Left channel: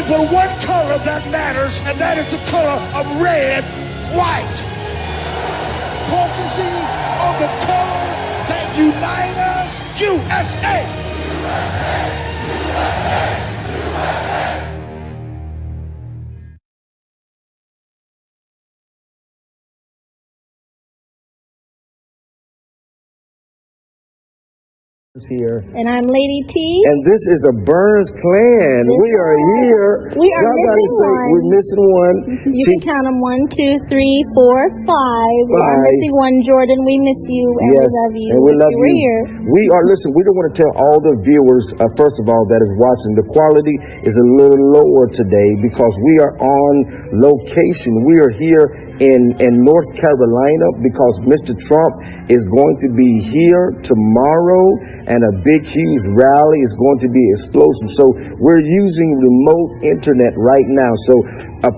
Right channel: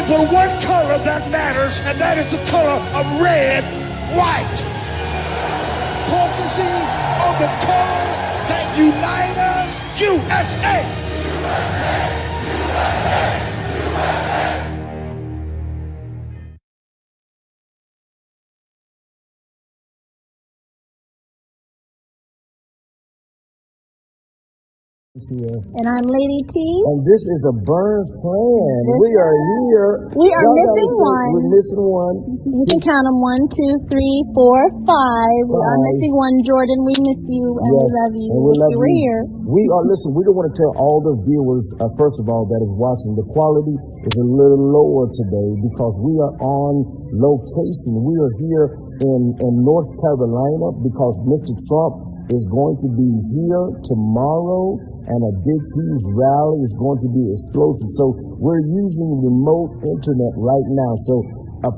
only the one color that matters, and that is the color of red, white. Focusing on the colors that unite us, USA. Here. And I'm Lady T. And this is the Burns Clan. We are here. We are missing one. We're missing one. You can count them 1, 2, 3, 4, 5. We are missing one. Jordan, we miss you and we love you. And we love you. We're here. We are, listen, we don't want to tell all the viewers, first of all, that is watching, the quality is a little lower today because we are on location. We are here in North Carolina because Mr. Trump is going to be here tomorrow, and a big, huge rally is going to be explosive. So we're using remote internet right now. So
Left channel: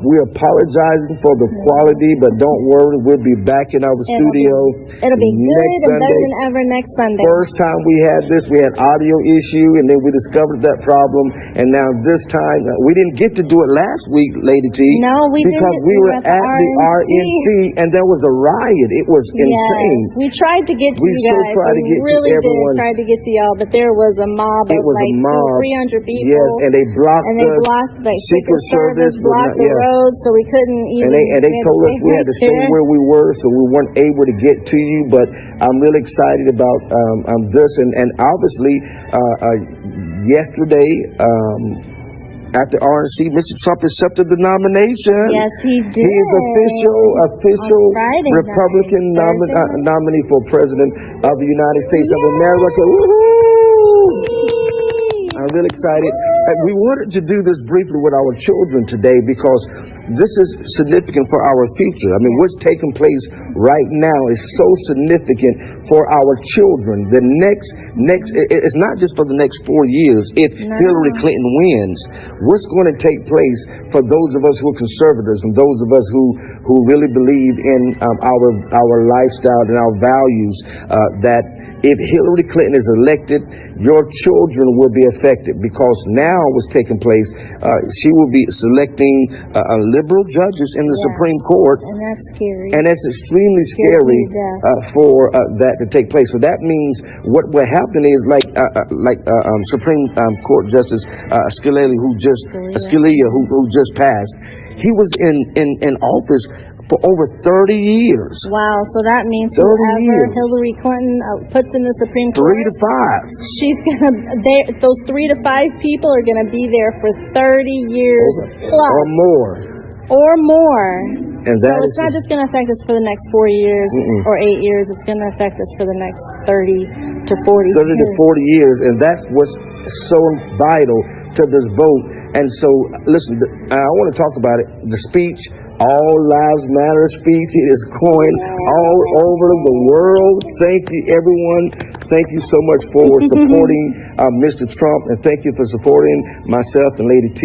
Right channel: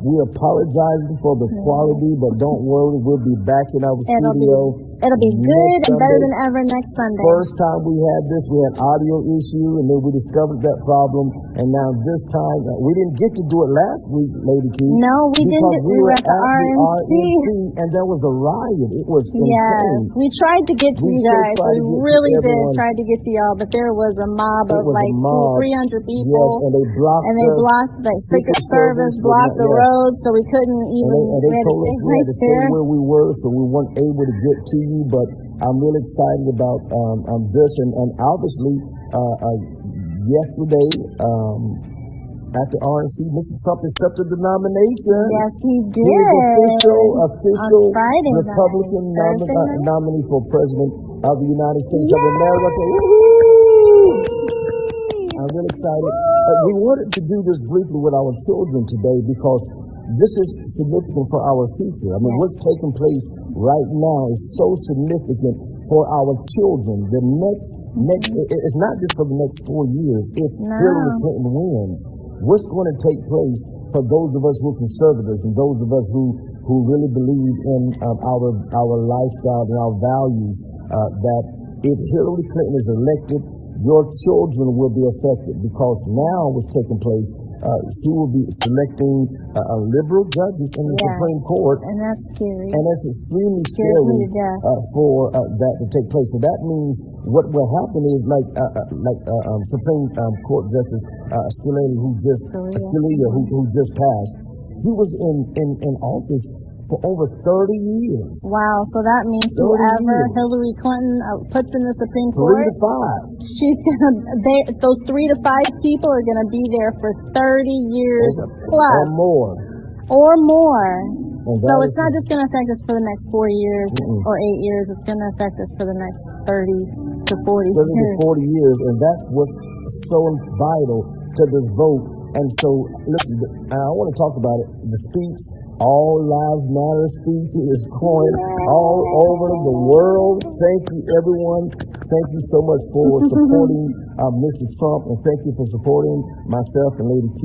we're apologizing for the quality, but don't worry, we'll be back in our studio. It'll be good and better than ever next Sunday. First time we had this, we had audio issue, and then we discovered that problem. And now this time, we didn't get to do it last week, Lady T. No, we didn't. Because we were at the RNC, and there was a riot. It was insane. Yes, we tried to get to you guys. We really did try to get to y'all, but there was a mob of like 300 people. Yes, and they blocked the Secret Service, blocked the road, so we couldn't even. And they told us we had to stay where we were, so we weren't able to get to you. But I'm really excited about this, and obviously yesterday. After RNC, Mr. Trump accepted the nomination. Yes, he did. He is official Republican nominee for President of the United States of America. Woo-hoo! I'm really excited. We wanted to do this briefly with our children today because this is significant for our future. I mean, what's taking place right now is so significant for our children. The next, it's not just for the next 4 years. If Hillary Clinton wins, what's going to take place for those of us who are conservatives and those of us who really believe in our lifestyle and our values, that if Hillary Clinton is elected, your children will be affected because now what's taking place, she will be selecting liberal judges in the Supreme Court. And that's scary. And it's extremely scary for that to take place. So that means what will happen is like Supreme Court Justice Scalia, who just passed. He was in office for over 30 years. Wow, so that means whoever Hillary Clinton puts in the Supreme Court, 3 to 5. She's those 3 to 5 people are gonna be there for 30 years plus or more. And so it's not just gonna affect us for the next 4 years or 8 years. It's gonna affect us for the next 30 to 40 years, and that's what's so vital to this vote. And so, listen, I want to talk about it. The speech, All Lives Matter speech, it is going all over the world. Thank you, everyone. Thank you so much for supporting Mr. Trump, and thank you for supporting myself and Lady T.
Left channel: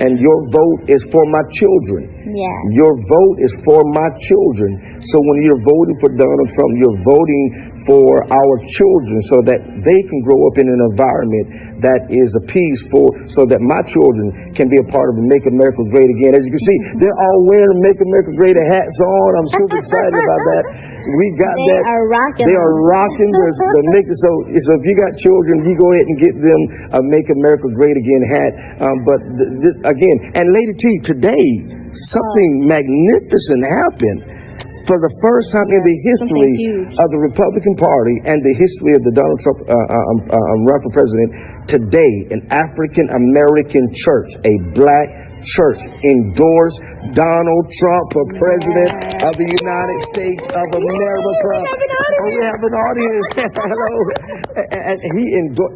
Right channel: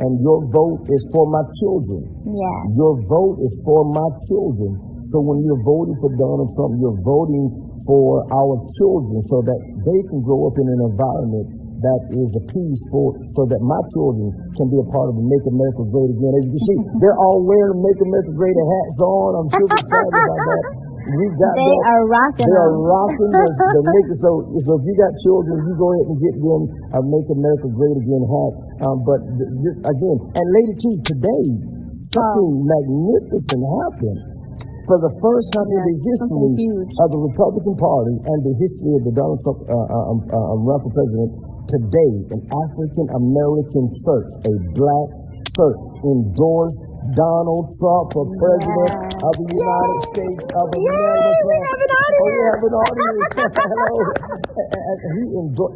And your vote is for my children. Yeah. Your vote is for my children. So when you're voting for Donald Trump, you're voting for our children so that they can grow up in an environment that is a peace so that my children can be a part of Make America Great Again. As you can see, they're all wearing Make America Great hats on. I'm super excited about that. We got that. They are rocking. They are rocking the Make. So if you got children, you go ahead and get them a Make America Great Again hat. But again, and Lady T, today something magnificent happened. For the first time in the history of the Republican Party and the history of the Donald Trump run for president, today an African American church, a black church, endorsed Donald Trump for president of the United States of America. We have an audience. Hello. And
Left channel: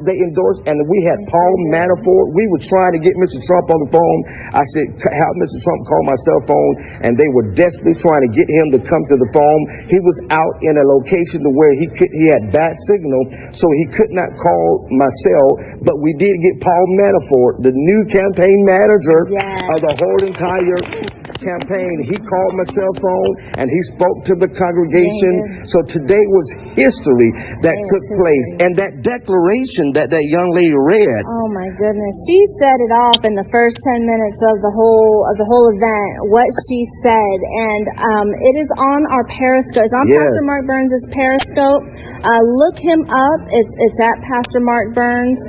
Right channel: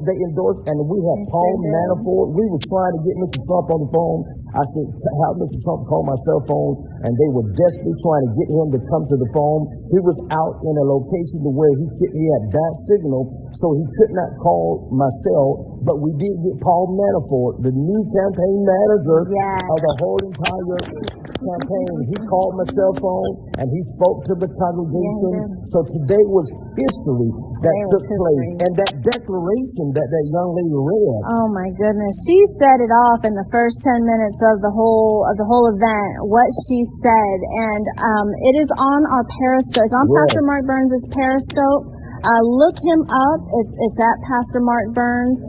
they endorsed, and we had Paul Manafort. We were trying to get Mr. Trump on the phone. I said, have Mr. Trump call my cell phone, and they were desperately trying to get him to come to the phone. He was out in a location to where he had bad signal, so he could not call my cell. But we did get Paul Manafort, the new campaign manager of the whole entire campaign. He called my cell phone and he spoke to the congregation. So today was history that took place. And that declaration that that young lady read. Oh my goodness. She set it off in the first 10 minutes of the whole event, what she said. And it is on our Periscope. It's on Pastor Mark Burns' Periscope. Look him up. It's at Pastor Mark Burns.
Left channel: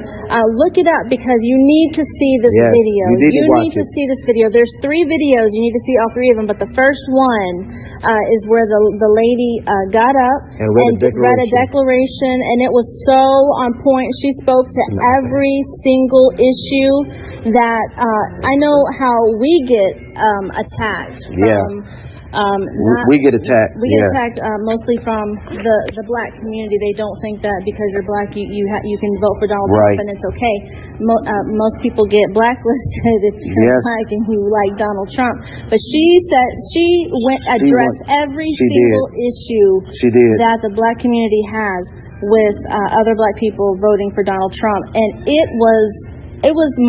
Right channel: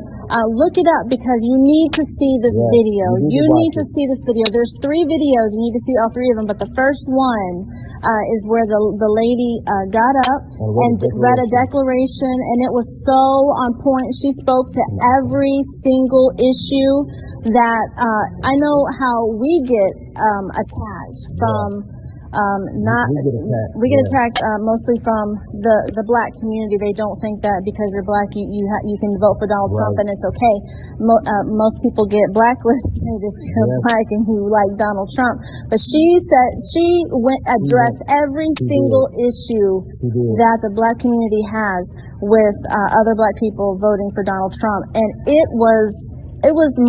Look it up because you need to see this video. You need to see this video. There's 3 videos. You need to see all 3 of them. But the first one is where the lady got up and read a declaration, and it was so on point. She spoke to every single issue that I know how we get attacked from. We get attacked. We get attacked mostly from the black community. They don't think that because you're black, you can vote for Donald Trump and it's okay. Most people get blacklisted if you're black and you like Donald Trump. But she said she addressed every single issue that the black community has with other black people voting for Donald Trump, and it was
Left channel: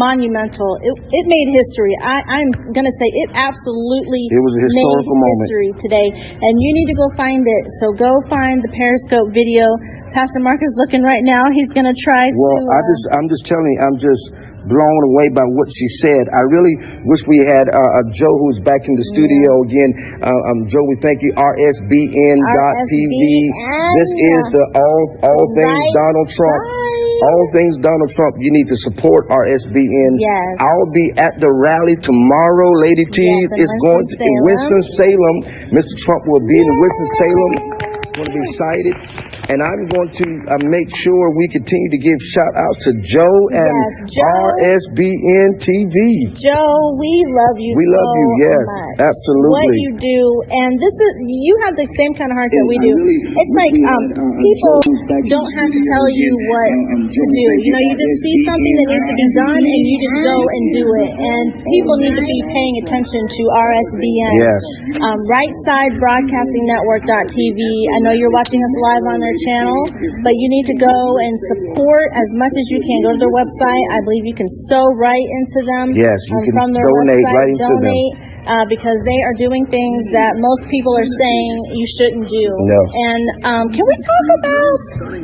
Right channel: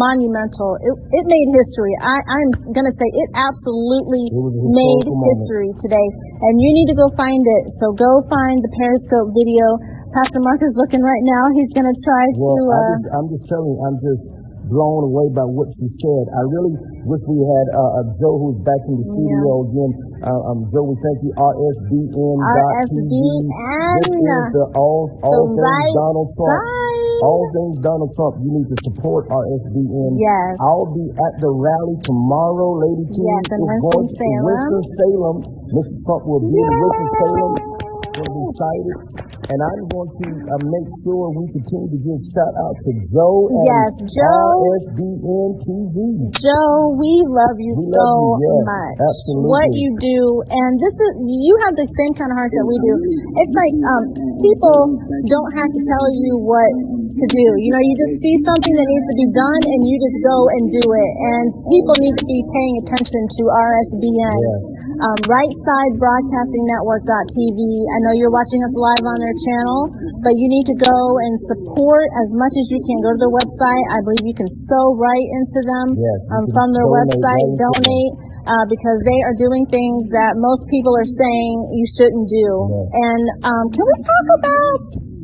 monumental. It made history. I'm going to say it absolutely was a historical made history today. And you need to go find it. So go find the Periscope video. Pastor Mark is looking right now. He's going to try to... I'm just telling you, I'm just blown away by what she said. I really wish we had Joe, who's back in the studio again. Joe, we thank you. RSBN.TV. This is the All Things Donald Trump. All things Donald Trump. You need to support RSBN. Yes. I'll be at the rally tomorrow. Lady T is going to Winston-Salem. Mr. Trump will be in Winston-Salem. Going to be cited. And I'm going to make sure we continue to give shout out to Joe and RSBN TV. Joe, we love you. We love you, yes, much. Absolutely. What you do, and you have the same kind of heart that we do. It's like people don't have to tell you what to do. You know, you just see something that needs to be done, and you just go and do it. And people need to be paying attention to RSBN. Yes. RightSideBroadcastingNetwork.tv. I know you're watching us live on their channel, but you need to go and support as much as you can. Go to their website. I believe you can sew right into them. Yes, you can from their donate website. Right into donate. Because they are doing things that most people are saying you shouldn't do. No. And can we talk about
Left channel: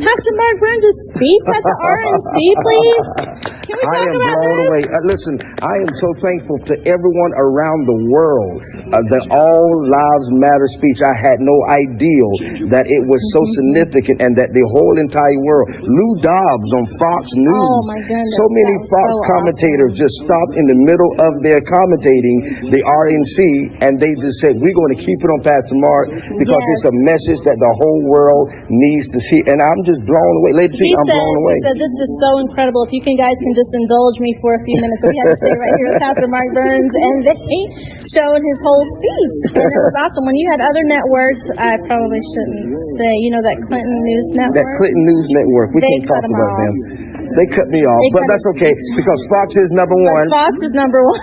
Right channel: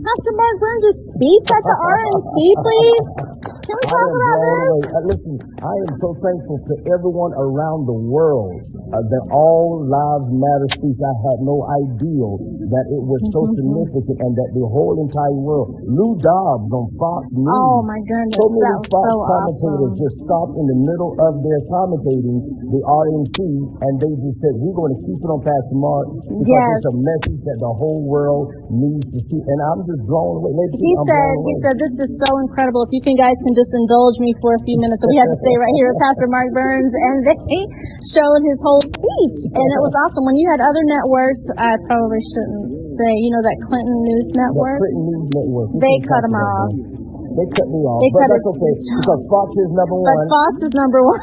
Pastor Mark Burns' speech at the RNC, please? Can we talk about that? Listen, I am so thankful to everyone around the world that All Lives Matter speech. I had no idea that it was so significant and that the whole entire world. Lou Dobbs on Fox News. Oh my goodness. So many Fox commentators just stopped in the middle of their commentating the RNC, and they just said, we're going to keep it on Pastor Mark because it's a message that the whole world needs to see. And I'm just blown away. Lady, I'm blown away. He said, this is so incredible. If you guys can just indulge me for a few minutes. So we had to stay right here with Pastor Mark Burns, and he showed his whole speech. And it was awesome. When you had other networks, I probably shouldn't say, you know, that Clinton News Network? That Clinton News Network. We can't talk about them. They cut me off, but that's okay because Fox is number one. Fox is number one.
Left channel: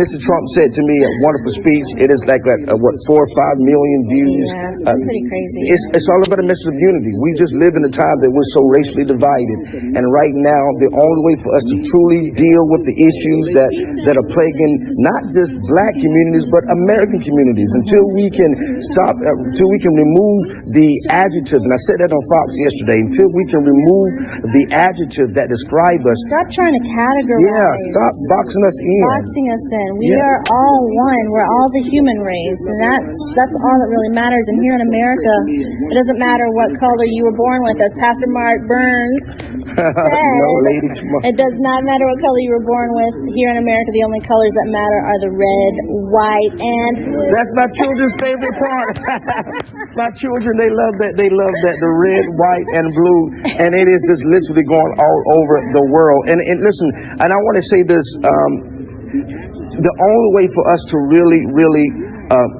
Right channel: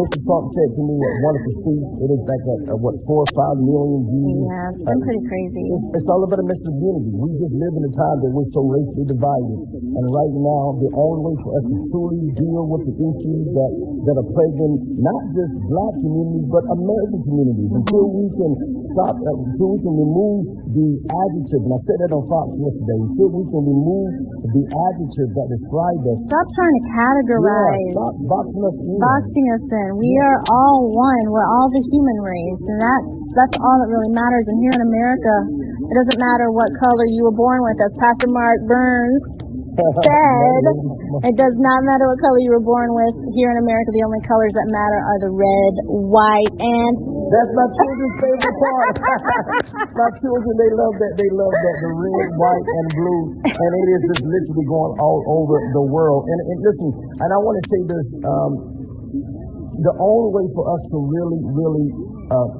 Mr. Trump said to me a wonderful speech. It is like 4 or 5 million views. Yeah, it's pretty crazy. It's all about a message of unity. We just live in a time that we're so racially divided, and right now the only way for us to truly deal with the issues that are plaguing not just black communities but American communities, until we can until we can remove the adjective. And I said that on Fox yesterday. Until we can remove the adjective that describe us. Stop trying to categorize. Yeah, stop boxing us in. We are all one. We're all the human race, and that's all that really matters. And here in America, it doesn't matter what color you were born with. As Pastor Mark Burns said, it does not matter what color you were born with. Here in America, the only colors that matter are the red, white, and blue. That's my children's favorite part. My children, they love that. They love that, the red, white, and blue, and it is just literally going all over the world. And listen, and I want to say this, the only way for us to really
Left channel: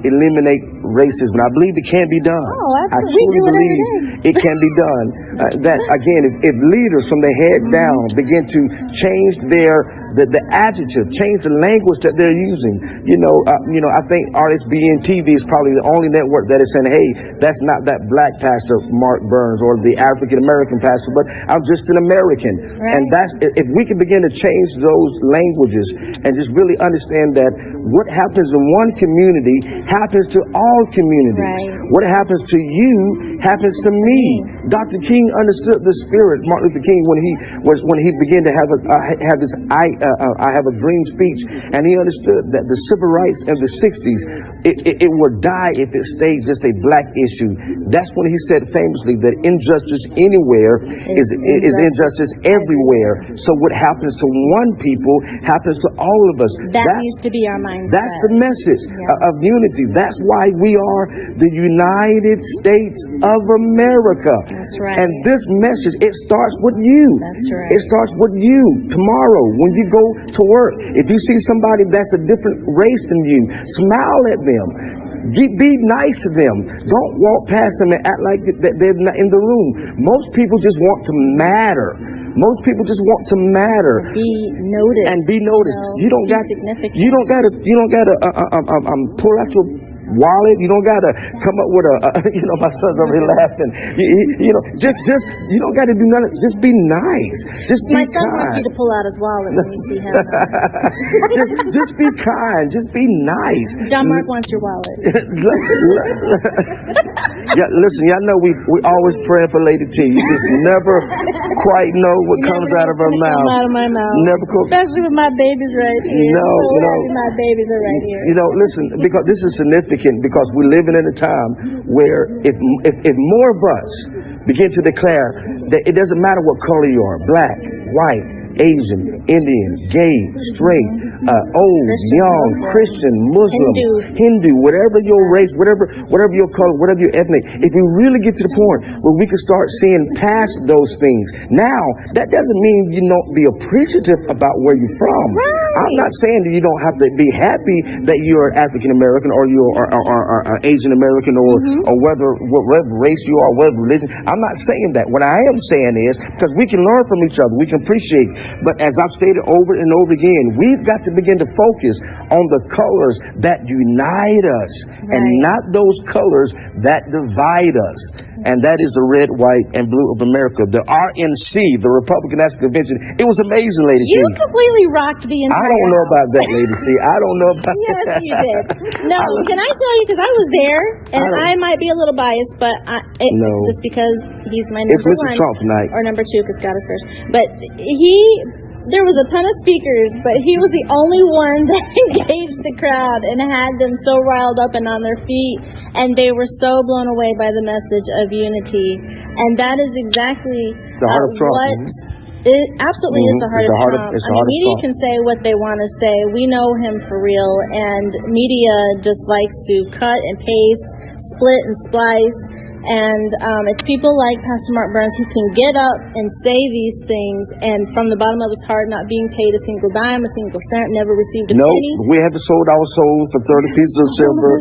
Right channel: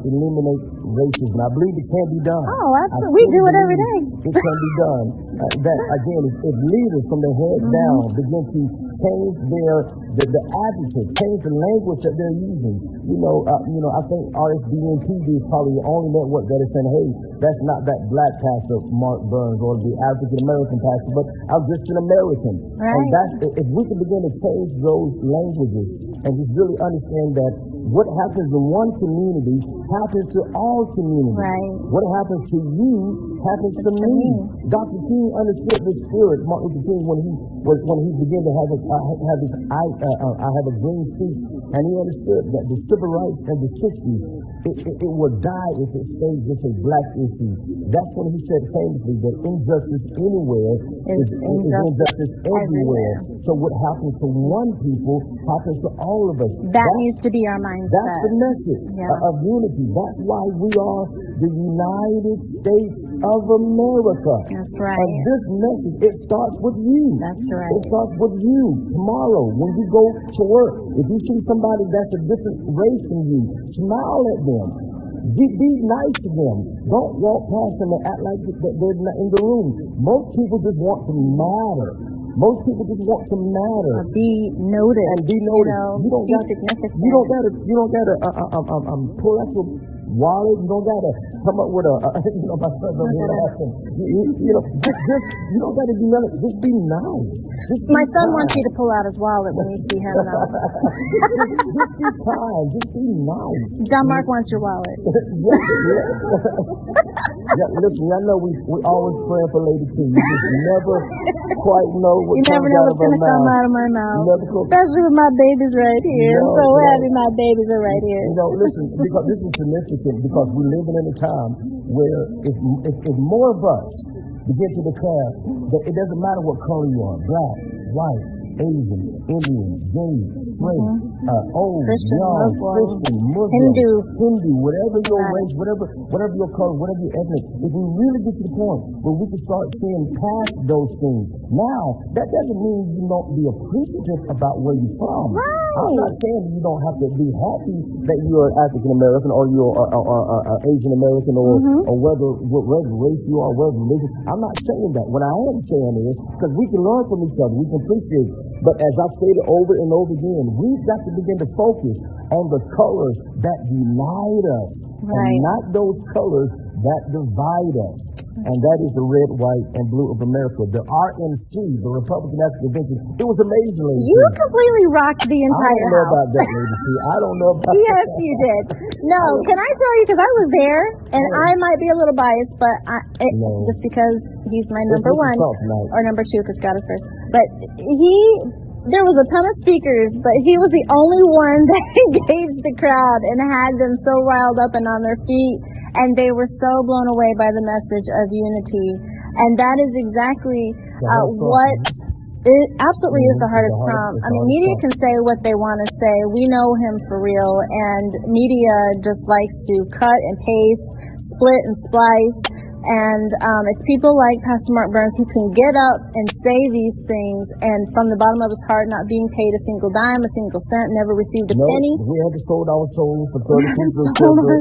eliminate racism. I believe it can be done. Oh, we do it every day. It can be done. That again, if leaders from the head down begin to change the adjective, change the language that they're using. I think RSBN TV is probably the only network that is saying, "Hey, that's not that black pastor Mark Burns or the African American pastor, but I'm just an American." Right. And that's if we can begin to change those languages and just really understand that what happens in one community happens to all communities. Right. What happens to you happens to me. Dr. King understood the spirit. Martin Luther King when he began to have this I have a dream speech, and he understood that the civil rights of the 60s it would die if it stayed just a black issue. That's when he said famously that injustice anywhere is injustice everywhere. So what happens to one people happens to all of us. That needs to be our mindset. That's the message of unity. That's why we are the United States of America. That's right. And this message, it starts with you. That's right. It starts with you tomorrow when you go to work. If you see somebody that's a different race than you, smile at them. Be nice to them. Don't walk past them and act like they're not in the room. Most people just want to matter. Most people just want to matter. Be noticed. And be noticed. You don't got to pull out your wallet. You don't got to come up with my son's already laughing. Just you don't got to do nothing. Just be nice. My son wants you to pull out his wallet when you see him. just be kind. Just be nice. John Mark wants your wallet. Yeah, listen, y'all know we always praying for Lady T. You just never quite know what comes out of her mouth. Come out of my mouth. Never comes. Especially with my babies right here. No. My babies are right here. Listen, because this is significant because we're living in a time where if more of us begin to declare that it doesn't matter what color you are, black, white, Asian, Indian, gay, straight, old, young, Christian, Muslim, Hindu, whatever your race, whatever your color, whatever your ethnic, if we really get to the point where we can start seeing past those things. Now, that doesn't mean you don't be appreciative about where you're from. Right. I'm not saying that you don't have to be happy that you're African American or you are Asian American or whatever race you are, whatever religion. I'm not saying that. What I am saying is because we can learn from each other, we can appreciate. But as I've stated over and over again, we've got to begin to focus on the colors that unite us and not those colors that divide us. And that is the red, white, and blue of America. The RNC, the Republican National Convention. It was amazing, Lady T. You completely rocked the entire I don't know about that, Lady T. I don't know about that. Yes, you did. No, can I tell you, because I was there, and I might be a little biased, but just because he's my number one. It's Mr. Trump tonight. Or number two, because God is first. But there was a ton of speakers, but he was the only one that engaged the crowd and had them so riled up and on their feet, and they were so blown away by the message of unity. And that is exactly what it absolutely is the heart of Trump. I mean, media can say what they want to say. We know him for real, and media just likes to cut and paste, split and splice. And it's people like Pastor Mark Burns who can get up and say these things, and from the bottom of his heart, not being paid a single dime, a single cent, never received a penny. We have to sold our souls for 30 pieces of silver.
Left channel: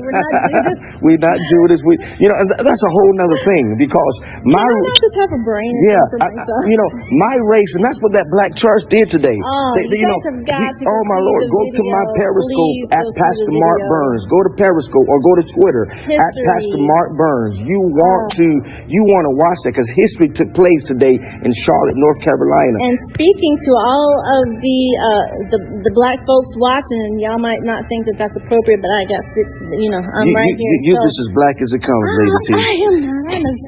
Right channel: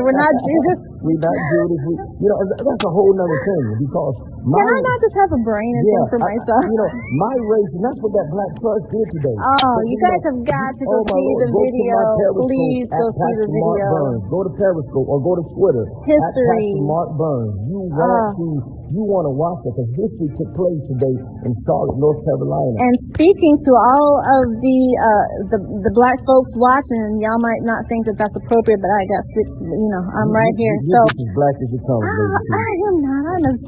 We're not Judas. We're not Judas. That's a whole nother thing because Can I not just have a brain and think for myself? My race, and that's what that black church did today. You guys have got to oh my Lord, go to my Periscope at Pastor Mark Burns. Go to Periscope or go to Twitter at Pastor Mark Burns. You want to watch that because history took place today in Charlotte, North Carolina. And speaking to all of the black folks watching, and y'all might not think that that's appropriate, but I guess I'm right here. You're just as black as it comes, Lady T. I am not as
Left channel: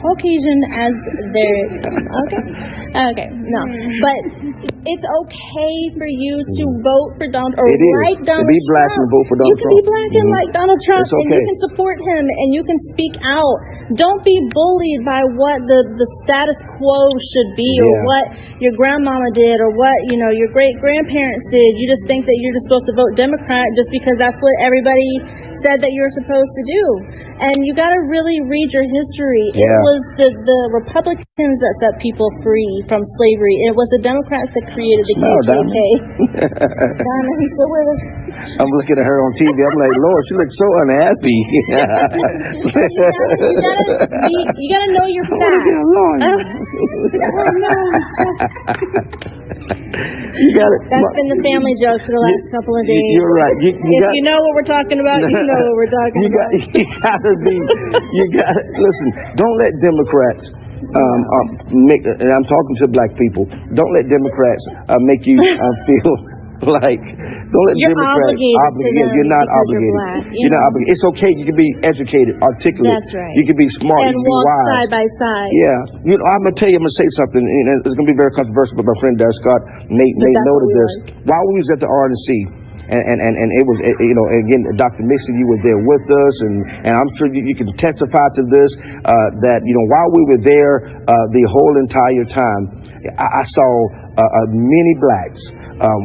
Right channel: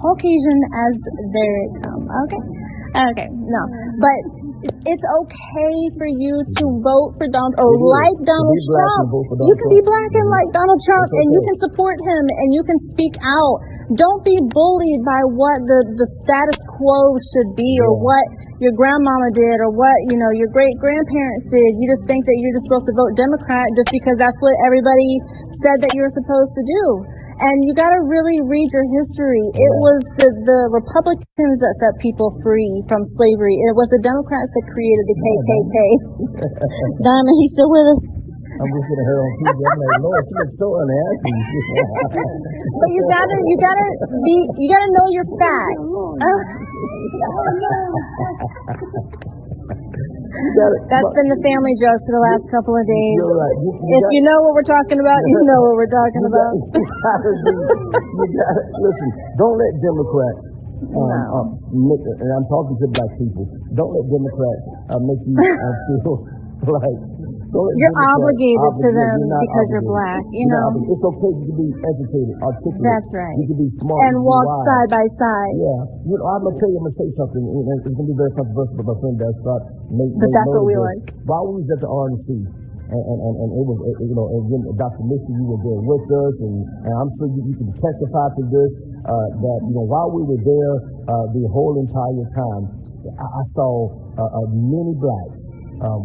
Caucasian as they're. Okay, no, but it's okay for you to vote for Donald or like Donald Trump. Black and vote for Donald Trump. You can be black and like Donald Trump, and you can support him, and you can speak out. Don't be bullied by what the status quo should be, or what your grandmama did, or what your great grandparents did. You just think that you're just supposed to vote Democrat just because that's what everybody said that you're supposed to do. And you got to really read your history. It was the Republicans that set people free from slavery. It was the Democrats that created the KKK. Diamond, you still with us? I'm looking at her on TV. I'm like, Lord, she looks so unhappy. you gotta know your facts. That's been the family joke for the last couple of days. You're right. If you know what we're talking about, you know what we're talking about. You gotta listen. Don't let Democrats make. And I'm talking to black people. Don't let Democrats make you feel like. Don't let you're Democrats obligated to them. You're not obligated. You're black. You're not obligated. It's okay. You can be educated, articulate. That's right. You can be smart. And you can walk be wise. side by side. Yeah. You know, I'm gonna tell you. I'm gonna say something. And it's gonna be very controversial. But my friend Darius Scott made note of this while we was at the RNC. And it was, you know, again, Dr. Mixon, you were there with us, and I'm sure you can testify to this, that, you know, while we were there the whole entire time, I saw many blacks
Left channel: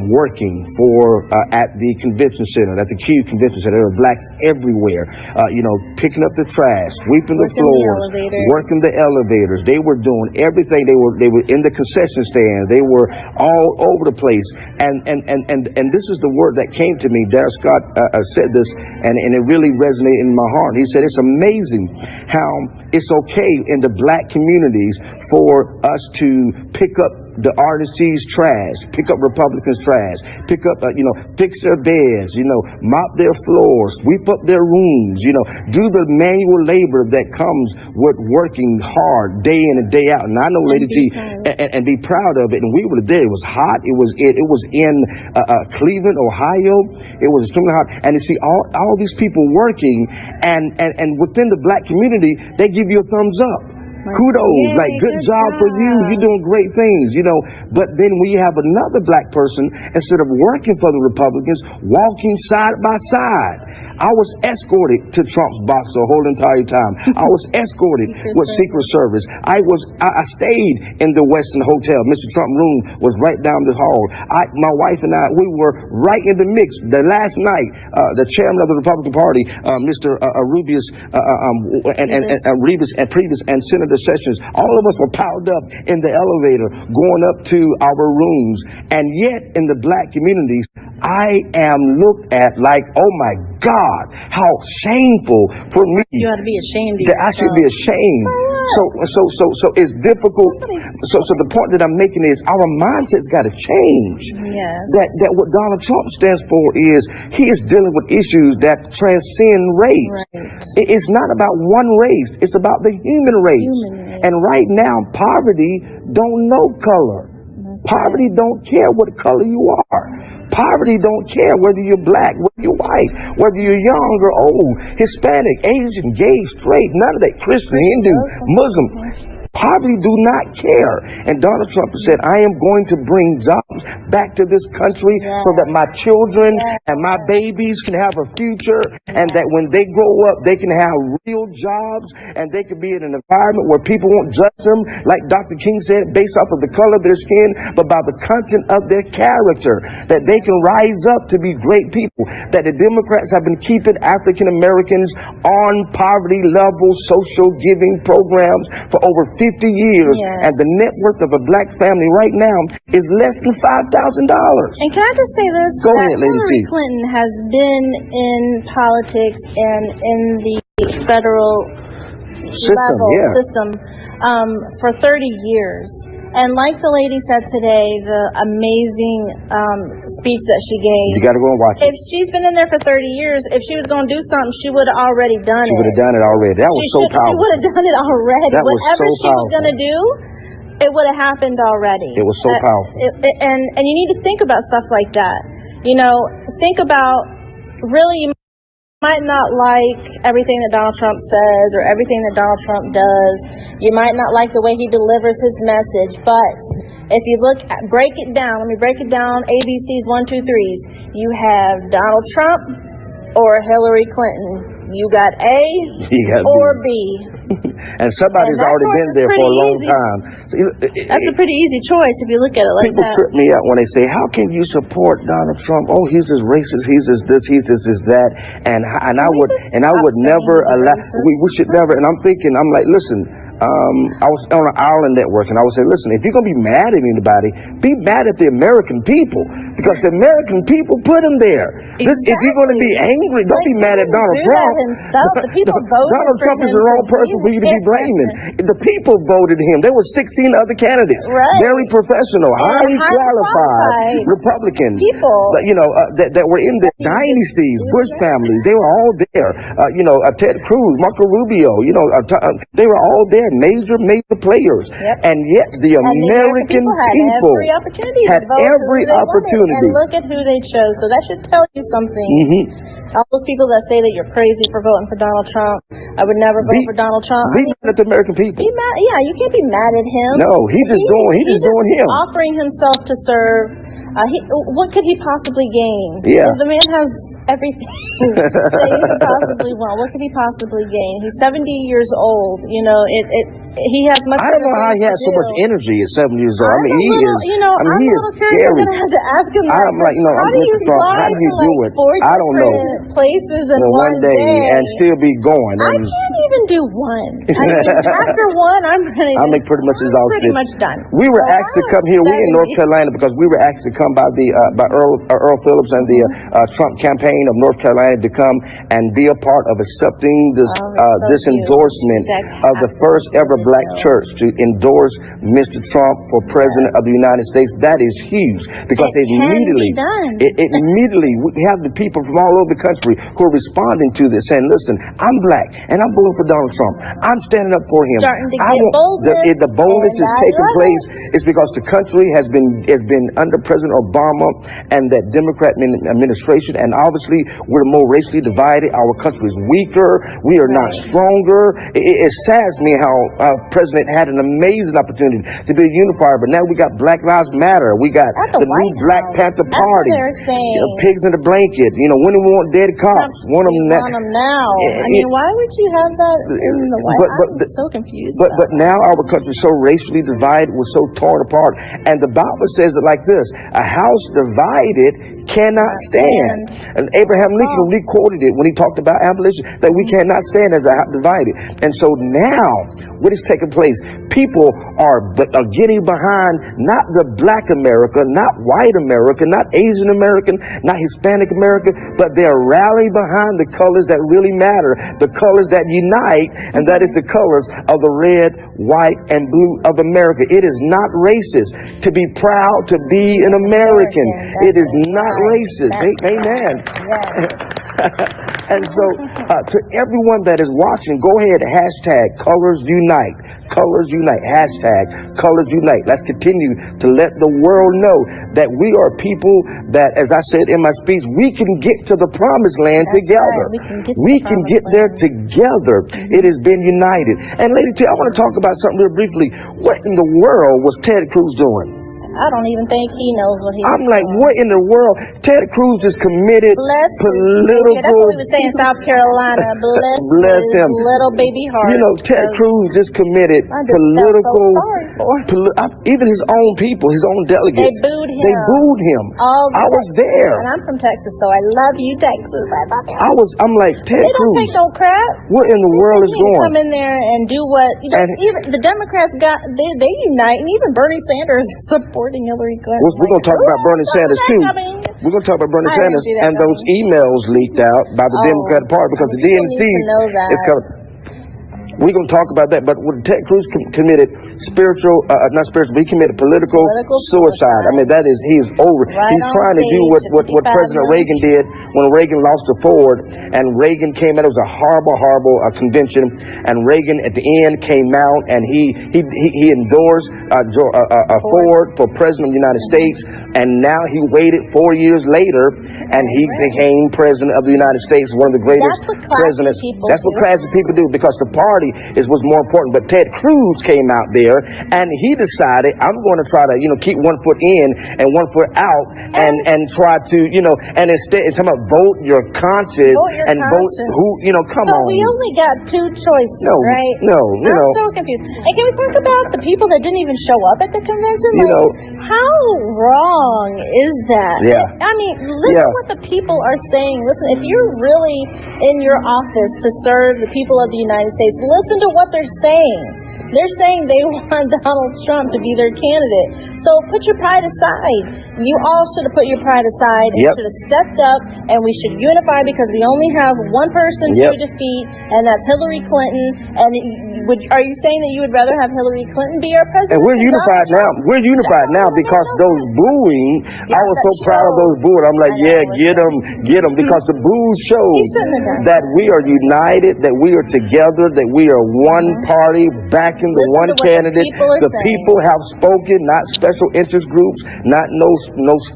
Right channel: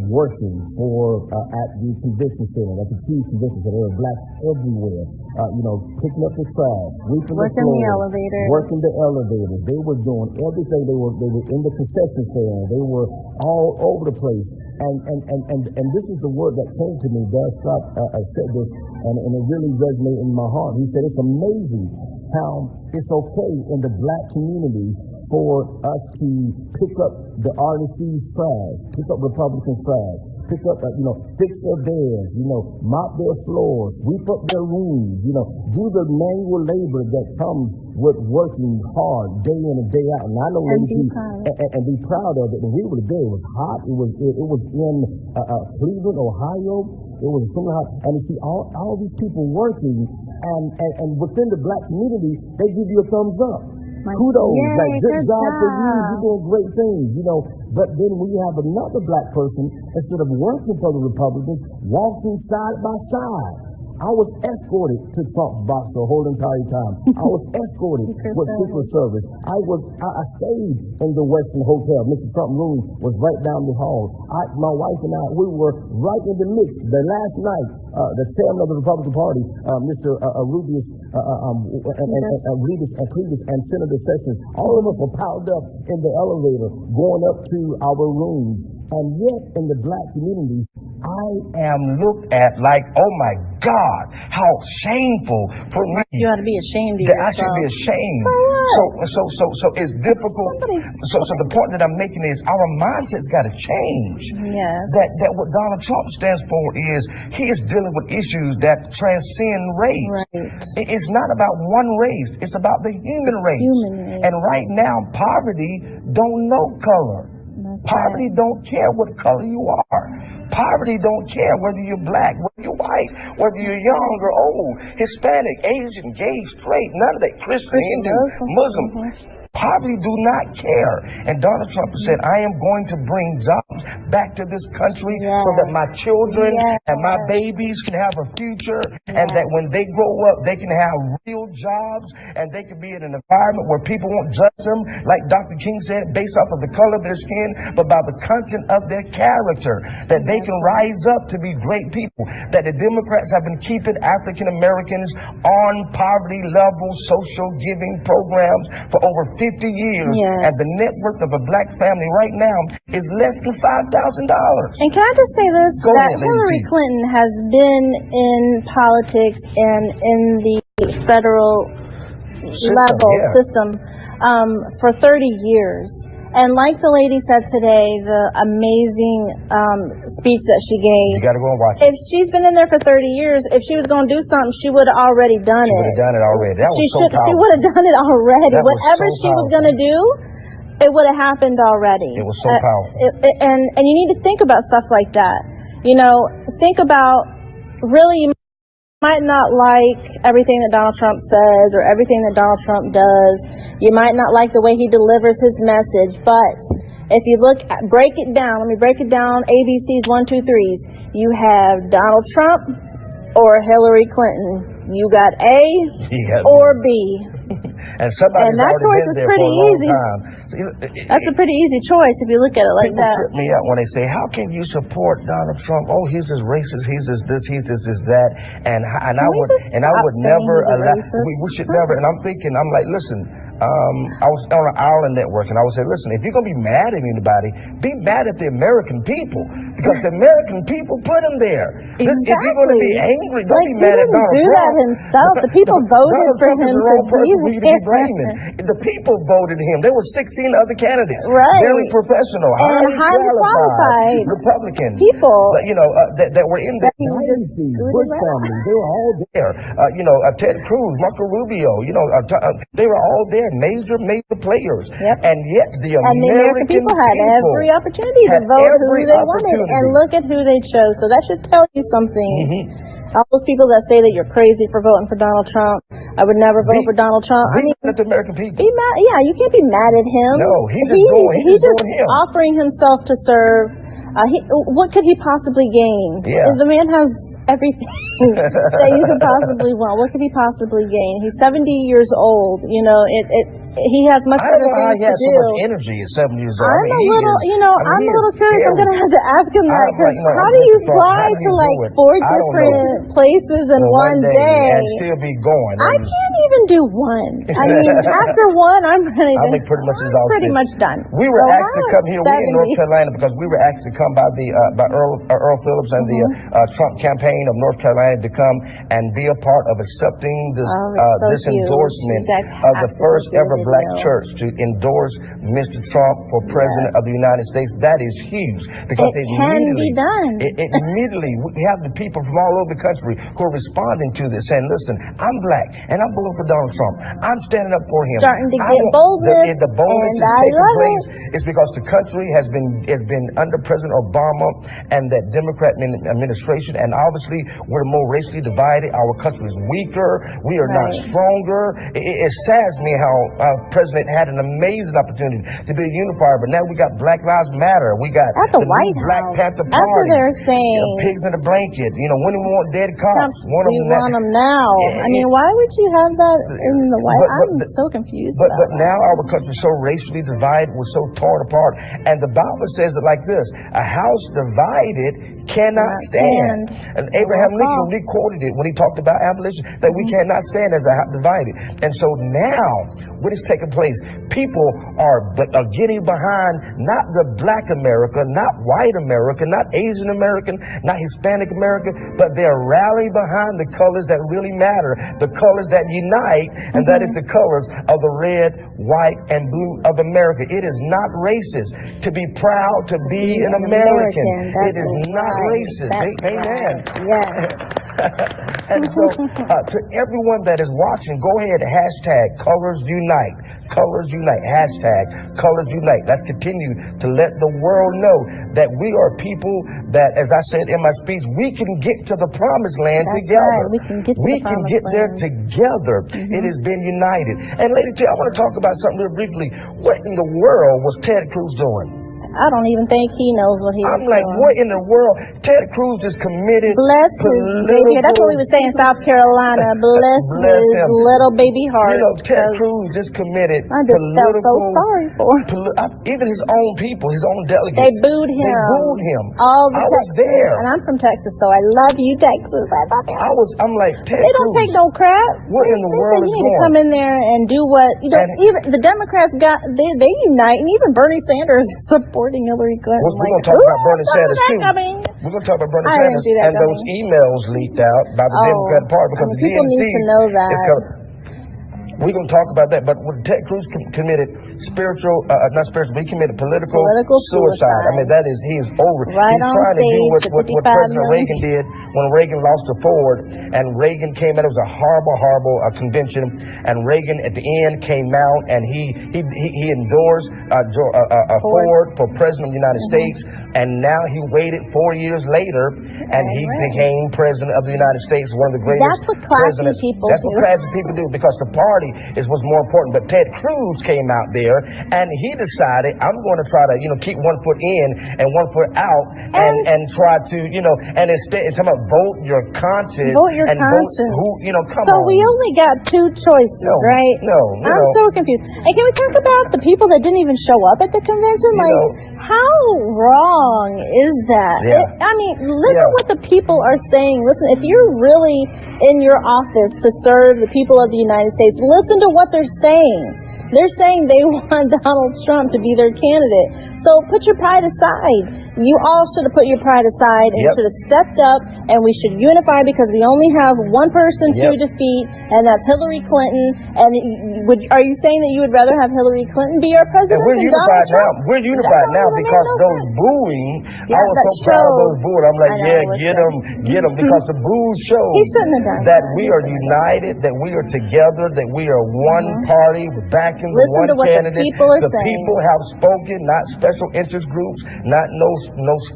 working for at the convention center, at the Q Convention Center. There were blacks everywhere, you know, picking up the trash, sweeping the floors, working the elevators. They were doing everything. They were in the concession stands. They were all over the place. And this is the word that came to me. Darius Scott said this, and it really resonated in my heart. He said, it's amazing how it's okay in the black communities for us to pick up the RNC's trash, pick up Republicans' trash, pick up, you know, fix their beds, you know, mop their floors, sweep up their rooms, you know, do the manual labor that comes with working hard day in and day out. And I know, Lady T, and be proud of it. And we were there. It was hot. It was in Cleveland, Ohio. It was extremely hot. And you see all these people working, and within the black community, they give you a thumbs up. Kudos, like good job for you. You're doing great things, you know. But then we have another black person, instead of working for the Republicans, walking side by side. I was escorted to Trump's box the whole entire time. I was escorted with Secret Service. I stayed in the Westin Hotel. Mr. Trump's room was right down the hall. My wife and I, we were right in the mix. The last night, the chairman of the Republican Party, Mr. Rubio, Rivas and Previous, and Senator Sessions, all of us were piled up in the elevator going up to our rooms. And yet, in the black communities, I am looked at like, oh my God, how shameful for me. You ought to be ashamed of yourself. I should be ashamed. So it's difficult. So the point that I'm making is our mindset's got to change. Yes. That what Donald Trump stands for is he is dealing with issues that transcend race. Right. It's not about one race. It's about the human race. And right now, poverty don't know color. Poverty don't care what color you are. Poverty don't care whether you're black, whether you're white, whether you're young or old, Hispanic, Asian, gay, straight, none of that, Christian, Hindu, Muslim. Poverty do not care. And Donald Trump said, I am going to bring jobs back to this country so that my children and my babies can have a future, and that when they grow up, they can have real jobs, and they can be in an environment where people won't judge them, like Dr. King said, based off of the color of their skin, but by the content of their character, that they can rise up to be great people, that the Democrats have been keeping African Americans on poverty level social giving programs for over 50 years, and the net worth of a black family right now is less than $5,000. And can I just say this? Go ahead, Hillary Clinton has been in politics and in the federal system for 30 years. And like the lady said today, the amazing speech that she gave. You got to go and watch it. If she's been in there for 30 years, if she was going to do something, she would have already done it. She would have done it already. That was so powerful. She would have done it already. Whatever she was going to do, it would have happened already. It was so powerful. And you need to think about stuff like that. You know, think about, really, you might not like everything that Donald Trump says or everything that Donald Trump does. You might not like the way he delivers his message, but if you break it down, let me break it down, ABCs 1, 2, 3s. You have Donald Trump or Hillary Clinton. You got A or B. And somebody's already been there for a long time. So, that's a pretty easy choice if you look at it like that. People trip me out when they say, how can you support Donald Trump? Oh, he's this racist, he's this this, he's this that. And I would never allow, we should never, and I'm thinking, I'm like, listen, I was on an Ireland network, and I would say, listen, if you're going to be mad at anybody, be mad at the American people, because the American people put him there. Exactly. If you're going to be angry, don't be mad at Donald Trump. The people voted Donald for Trump him is the wrong person for you to be blaming. president. The people voted him. There were 16 other candidates, very professional, highly qualified Republicans, people, that were in the dynasties, Bush families. They were all there. Ted Cruz, Marco Rubio. They were all there, major players, and yet the American people had every opportunity to vote every who they opportunity. Wanted. And look at who they chose. So that should tell you something. All those people that say that you're crazy for voting for Donald Trump, I would never vote for Donald Trump. Be mad at the American people. Be mad, yeah, you can't be mad at him. No, he's just doing him. Offering himself to serve. What could he possibly gain? Yeah. The man has everything that you could possibly want. What could he possibly gain? He's 70 years old. He has much. I don't know how he has so much energy at 7 years old. I'm a little curious. I'm going to have to ask him. How do you fly to like 4 different places in one day and still be going? I can't even do one. I mean, after one, I'm really. I'll make pretty much done. We were asked to come here. We're in North Carolina because we were asked to come by Earl Phillips and the Trump campaign of North Carolina to come and be a part of accepting this endorsement of the first ever black church to endorse Mr. Trump for president of the United States. That is huge because immediately we have the people from all over the country who are responding to this, saying, "Listen, I'm black and I'm voting for Donald Trump. I'm standing up for him." The boldness is taking place is because the country has been under President Obama and that Democrat administration, and obviously we're more racially divided. Our country is weaker. We are not stronger. It saddens me how President had an amazing opportunity to be a unifier, but now we got Black Lives Matter. We got the new Black Panther Party. Pigs in the blanket. When do we want dead cops? Want them now. I mean, why would you have that? I'm so confused. But now our country is so racially divided, we're so torn apart, and the Bible says it like this: a house divided cannot stand. And Abraham Lincoln, he quoted it when he talked about abolition, that we cannot stand as a house divided. And so now, what is taking place? People are getting behind not the black America, not white America, not Asian American, not Hispanic America, but they're rallying behind the colors that really matter, the colors that unite, and that is the colors of the red, white, and blue of America. It is not racist to be proud to be an American. It is not racist. Amen. Yes. And so, to everyone that is watching, go ahead, hashtag Colors Unite. Colors Unite. Hashtag Colors Unite. Let's continue to let the world know that we are people that, as I said in my speech, we can get to the promised land together. Right. We can get there together. It has been united. And Lady T, I want to talk about something real briefly. What in the world was Ted Cruz doing? I don't even think he knows what he was I'm like, doing. what in the world? Ted Cruz just committed political... That's what we would say in South Carolina. Bless his him. Little baby heart. Ted Cruz just committed political... even his own people, his own delegates. They booed him. I was there. And I'm from Texas, so I love you, Texas. I'm like, Ted Cruz. They don't take no crap. What in the world is going on? Come in there and do what... even the Democrats they unite, and even Bernie Sanders supporting Hillary Clinton. We're going to talk about Bernie Sanders too. We're going to talk about Bernie Sanders and those emails leaked out by the Democratic Party because the DNC is kind of. We're going to talk about that, but when Ted Cruz committed he committed political suicide. I mean, he is over. He's trying to do what President Reagan did when Reagan lost to Ford, and Reagan came out. It was a horrible convention, and Reagan at the end came out and he endorsed Ford for president of the United States, and now he waited 4 years later, and he became president of the United States, one of the greatest presidents. That's what classy people do, because the party is what's more important. But Ted Cruz came out there and he decided, I'm going to try to, keep 1 foot in and 1 foot out and try to, and instead it's about vote your conscience vote who, come on. So we only got 2 choices, right? No. I'm so confused. And can we talk about the people that didn't even show up at the convention? How wrong is that? Yeah. I mean, listen what the people are saying. Listen, if you're really in your office to serve the people of the United States, listen to what they're saying. They're saying they want Donald Trump to be their candidate. So put your pride aside. You all should have put your pride aside and should have stepped up, and we should unify because we only have one person to defeat, and that's Hillary Clinton. And are you saying that you would rather have Hillary Clinton be our president? And we're unified now. We're unified now because those booing, I was so proud of those booing. I'm like, get them, because the boos show that we are united, that we are together, that we are one party backing the one candidate. The people have spoken, not special interest groups, not no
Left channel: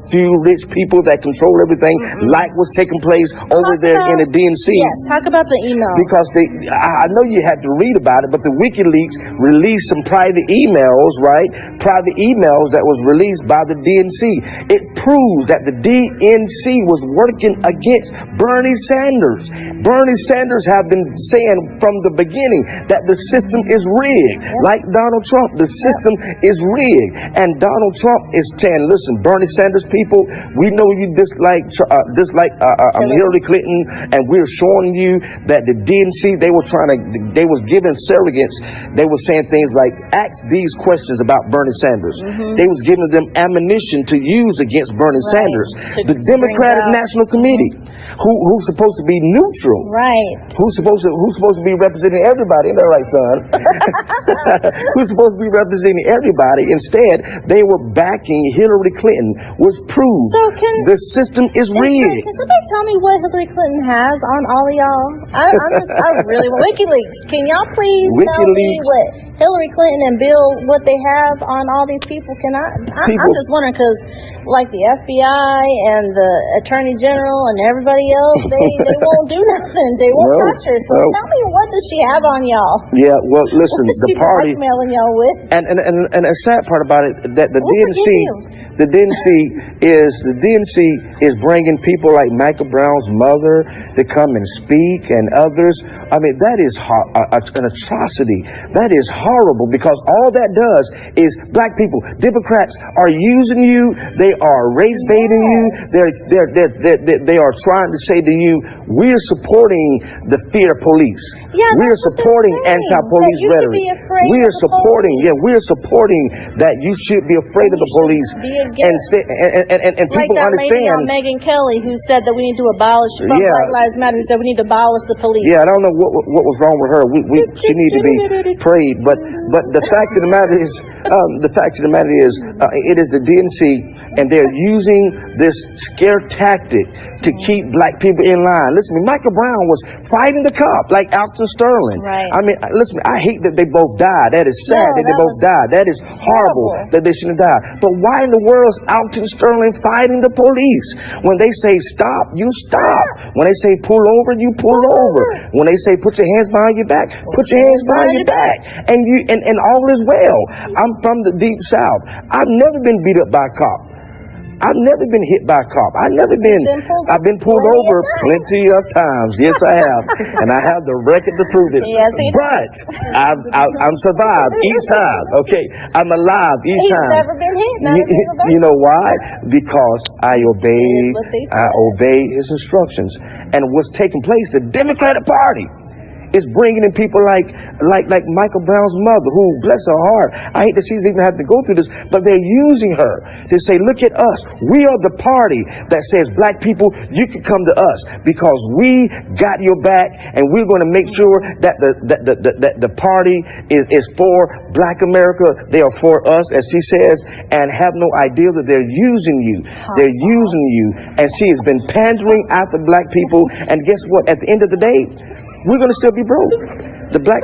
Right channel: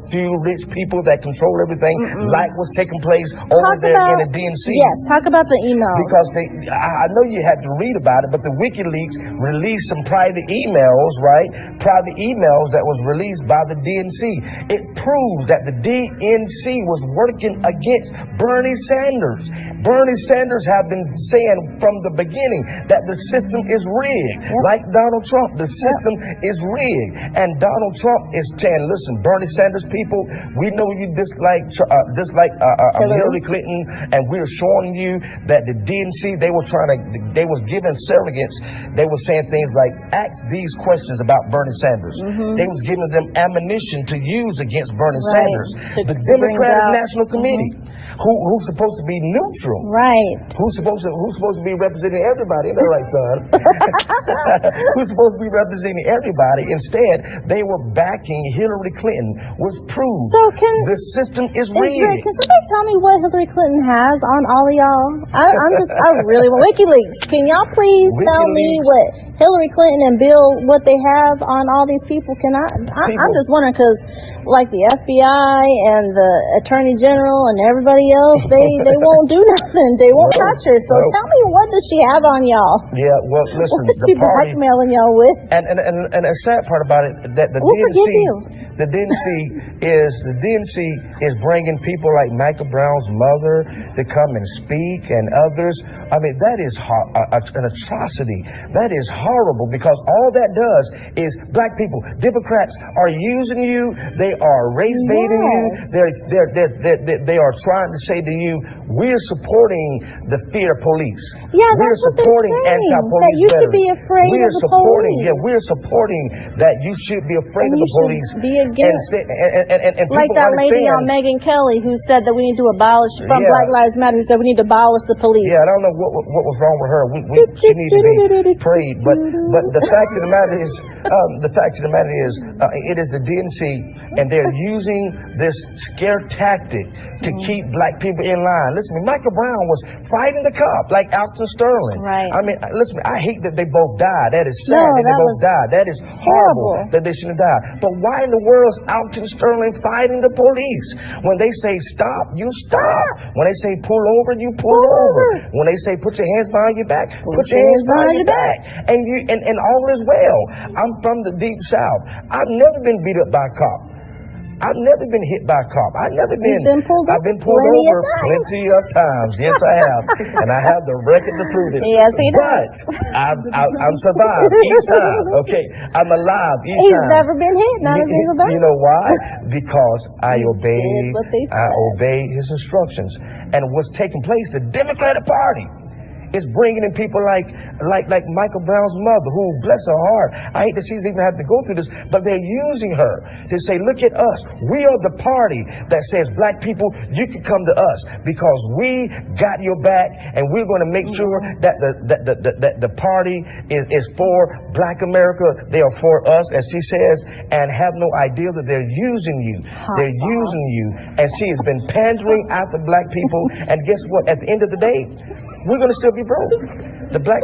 few rich people that control everything, like what's taking place over there in the DNC. Yes, talk about the email. Because I know you have to read about it, but the WikiLeaks released some private emails, right? Private emails that was released by the DNC. It proves that the DNC was working against Bernie Sanders. Bernie Sanders have been saying from the beginning that the system is rigged. Like Donald Trump, the system is rigged. And Donald Trump is saying, listen, Bernie Sanders people, we know you dislike Hillary Clinton, and we're showing you that the DNC, they was giving surrogates, they were saying things like, ask these questions about Bernie Sanders. They was giving them ammunition to use against Bernie Sanders. The Democratic National Committee, who's supposed to be neutral, who's supposed to be representing everybody, isn't that right, son? Who's supposed to be representing everybody, instead they were backing Hillary Clinton, was proved the system is rigged. Can somebody tell me what Hillary Clinton has on all of y'all? I really want WikiLeaks. Can y'all please tell me what Hillary Clinton and Bill, what they have on all these people? I'm just wondering, because like the FBI and the Attorney General and everybody else, they won't do nothing. They won't touch her. So tell me, what does she have on y'all? Yeah, well, listen, what is the she party blackmailing y'all with? And a sad part about it, that the DNC is bringing people like Michael Brown's mother to come and speak, and others. I mean, that is an atrocity. That is horrible, because all that does is black people, Democrats are using you. They are race baiting you. They are trying to say to you, we're supporting the fear police. We're supporting anti-police veterans. We're supporting that you should be afraid of the police. And like people that lady on Megyn Kelly who said that we need to abolish, Black Lives Matter, who said we need to abolish the police. Yeah, I don't know what was wrong with her. She needs to be prayed. But the fact of the matter is, it is the DNC, and they're using this scare tactic to keep black people in line. Listen, Michael Brown was fighting the cop like Alton Sterling. I mean, listen, I hate that they both died. That is sad that they both died. That is horrible that they shouldn't have died. But why in the world is Alton Sterling fighting the police? When they say stop, you stop. When they say pull over, you pull over. When they say put your hands behind your back, put your hands behind your back. And all is well. I'm from the deep South. I've never been beat up by a cop. I've never been hit by a cop. I've been pulled over plenty of times. Yes, I have. And I have the record to prove it. Yes, he but I'm survived each time. Okay, I'm alive each time. He's never been hit. Not a single time. You know why? Because I obey his instructions. And what's taking place, the Democratic Party is bringing in people like Michael Brown's mother, who, bless her heart, I hate that she's even had to go through this, but they're using her to say, look at us. We are the party that says, black people, you can come to us because we got your back, and we're going to make sure that the party is for black America. They are for us, as she says, and have no idea that they're using you. They're using you, and she has been pandering after black people, and guess what? At the end of the day, we're going to still be broke. The black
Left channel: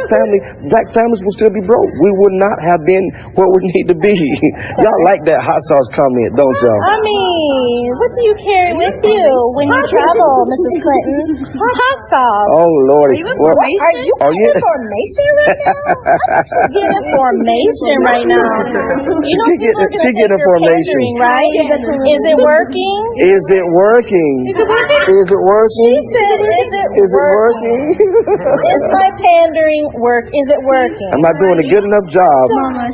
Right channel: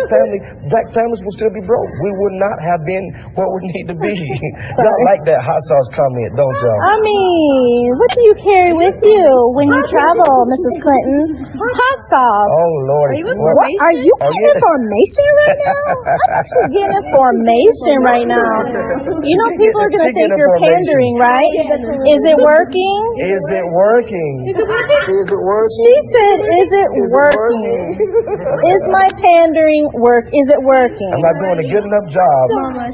families will still be broke. We would not have been where we need to be. Y'all like that hot sauce comment, don't y'all? I mean, what do you carry with you when you travel, Mrs. Clinton? Hot sauce. Oh, Lord. Are you getting information right now? You're getting information right now. You know, people are going to think you're pandering, right? Is it working? Is it working? Is it working? She said, is it working? Is my pandering work? Is it working? Am I doing a good enough job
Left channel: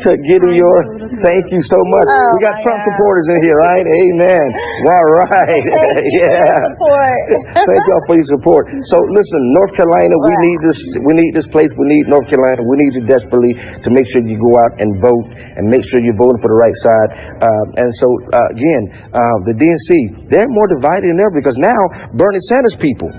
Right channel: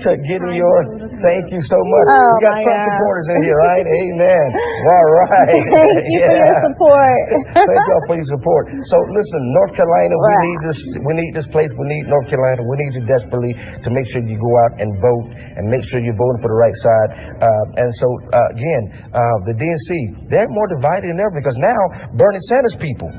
to getting your? Thank you so much. We got Trump supporters in here, right? Amen. All right. Thank you for your support. Thank y'all for your support. So listen, North Carolina, we need this. We need this place. We need North Carolina. We need you desperately to make sure you go out and vote and make sure you're voting for the right side. And so again, the DNC, they're more divided than ever because now Bernie Sanders people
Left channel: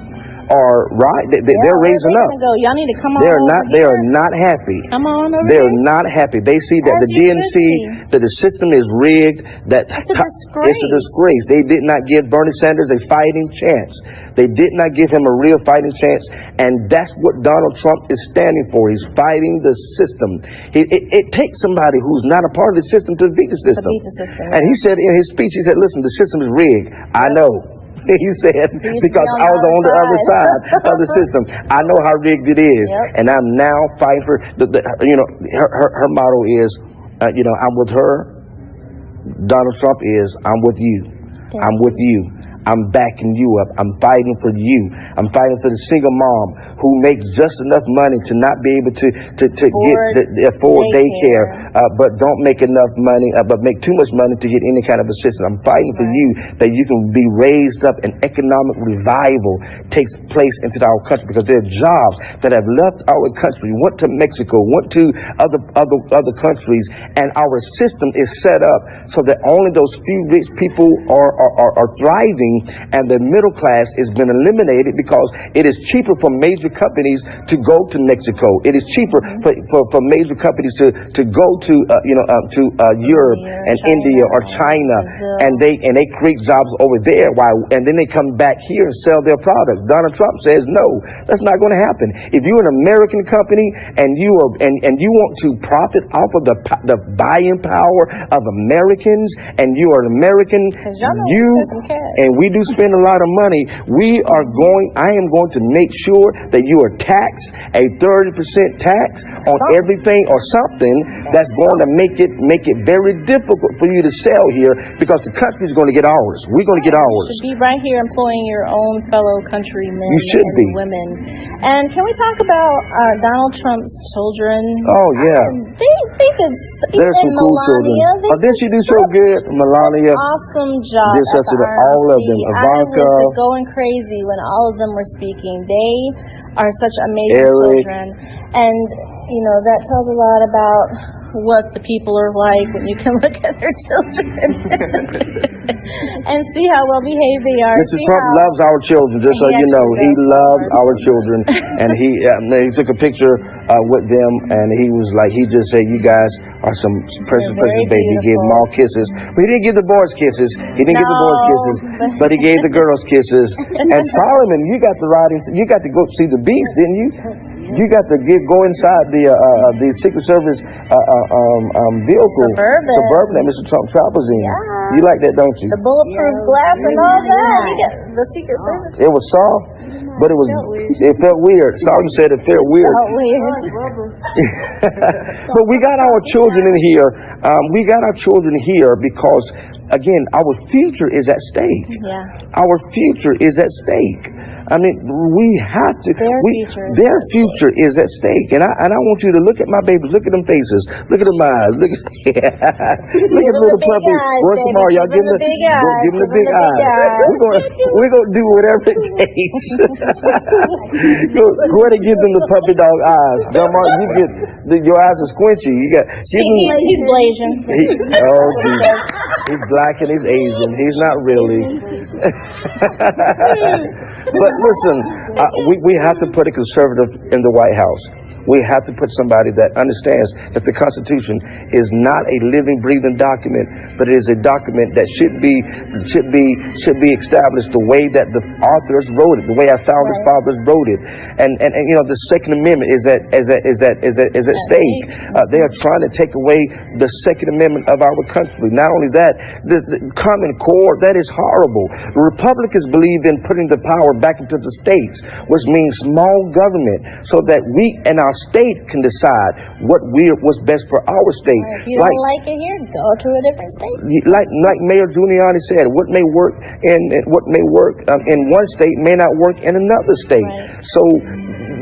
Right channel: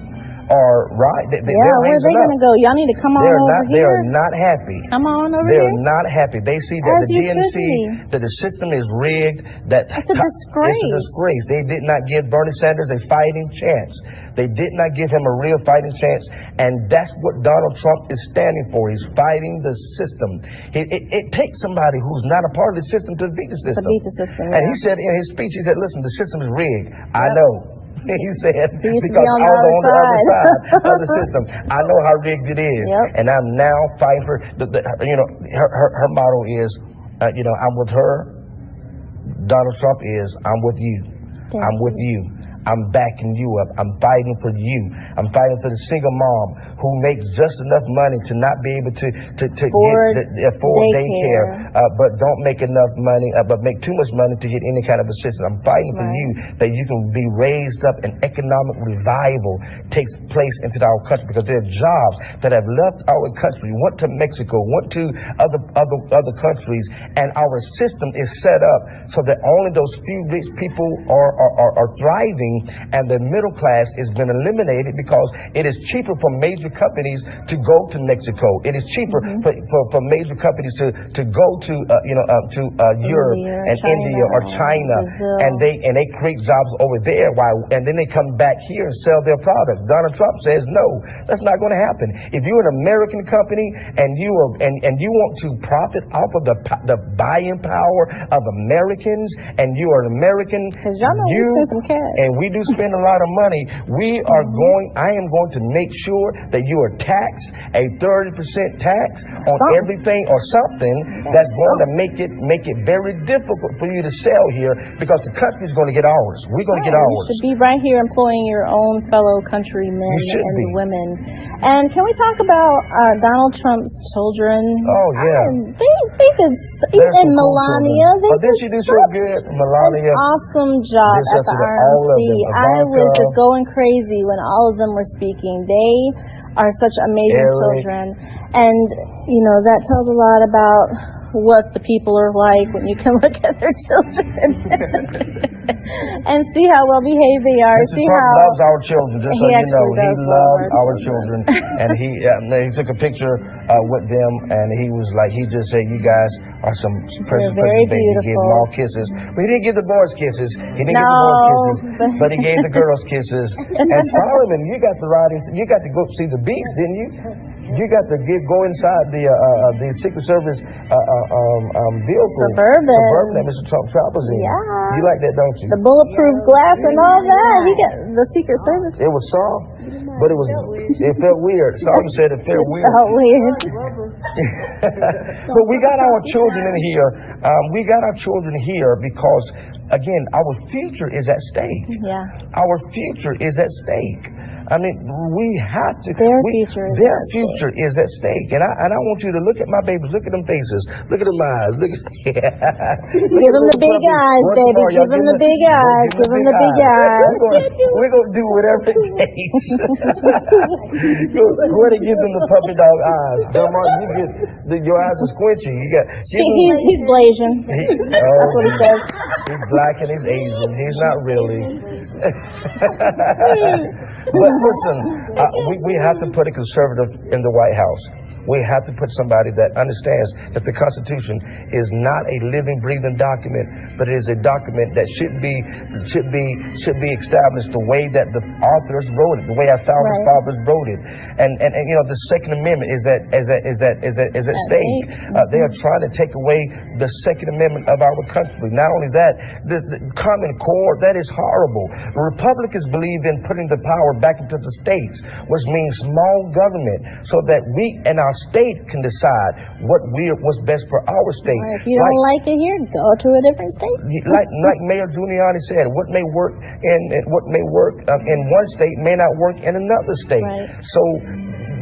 are they're raising up. Go? Y'all need to come on. They are not happy. Come on over They're here. not happy. They see that the DNC, that the system is rigged. That it's a disgrace. It's a disgrace. They did not give Bernie Sanders a fighting chance. They did not give him a real fighting chance, and that's what Donald Trump is standing for. He's fighting the system. It takes somebody who's not a part of the system to beat the system. To beat the system. And he said in his speech, he said, "Listen, the system is rigged. I know." He said, because I was on the other side of the system. I know how rigged it is. And I'm now fighting for, her motto is, I'm with her. Donald Trump is, I'm with you. I'm with you. I'm backing you up. I'm fighting for you. I'm fighting for the single mom who makes just enough money to not be able to afford daycare, but don't make enough money, but make too much money to get any kind of assistance. I'm fighting for you that you can be raised up and economic revival takes place into our country, because there are jobs that have left our country, went to Mexico, went to other countries, and our system is set up so that only those few rich people are thriving, and the middle class has been eliminated because it is cheaper for major companies to go to Mexico. It is cheaper for major companies to go to Europe and China, India or China, and they create jobs over there, and then they come back here and sell their products. Donald Trump says no, that's not going to happen. If you're an American company and you want to profit off of the buying power of Americans, and you are an American, and we do spend a lot of money, I am going to make sure that you are taxed a 30% tax on everything or something that's going to make it very difficult for you to sell here, because the country is going to get ours. We're going to get ours. You should be right here employing your own fellow countrymen and women. And can we talk about Donald Trump's children? Oh yeah. They did. There's some cool Melania, children. Did she do so good, Melania? Awesome job. All of them. Ivanka. I was just going crazy when all of them were speaking. They are such amazing children, and that tells a lot about what the people are like when you can look at their children and see how well behaved they are. Mr. Trump loves our children, just so you know. He loves our children, and he took a picture with them, and he just said, "You guys are some perfect baby." He gave them all kisses, but he didn't give the boys kisses. He didn't give the boys kisses, but he gave the girls kisses. And Solomon, you got to go see the beast, didn't you? You got to go inside the Secret Service vehicle, Suburban that Mr. Trump travels in. Yeah. You like that, don't you? The bulletproof glass and all that. You get the Secret Service. It was soft, but it felt weird. Solomon said it felt weird. But we got our children in here. We got our children here because, again, our future is at stake. Yeah. Our future is at stake. I mean, we have to. Their future is at stake, and I want you to look at my babies. Look at them faces. Look at them eyes. Look at Give them the big eyes, baby. Give them the big eyes. Give them the big eyes. We're gonna do whatever it takes. Go ahead and give them the puppy dog eyes. Your eyes are squinchy. He's Blasian. He's black and he's Asian. He's not really. But listen, we have to put a conservative in the White House. We have to put somebody that understands that the Constitution is not a living, breathing document, but it is a document that should be established the way that the authors wrote it, the way our founders fathers wrote it. And the Second Amendment is at stake. They are trying to take away the Second Amendment of our country. Not only that, the Common Core, that is horrible. The Republicans believe in putting the power back into the states, which means small government, so that we and our state can decide what's best for our state. If you don't like it here, go to a different state. Like Mayor Giuliani said, what may work in one state may not work in another state. So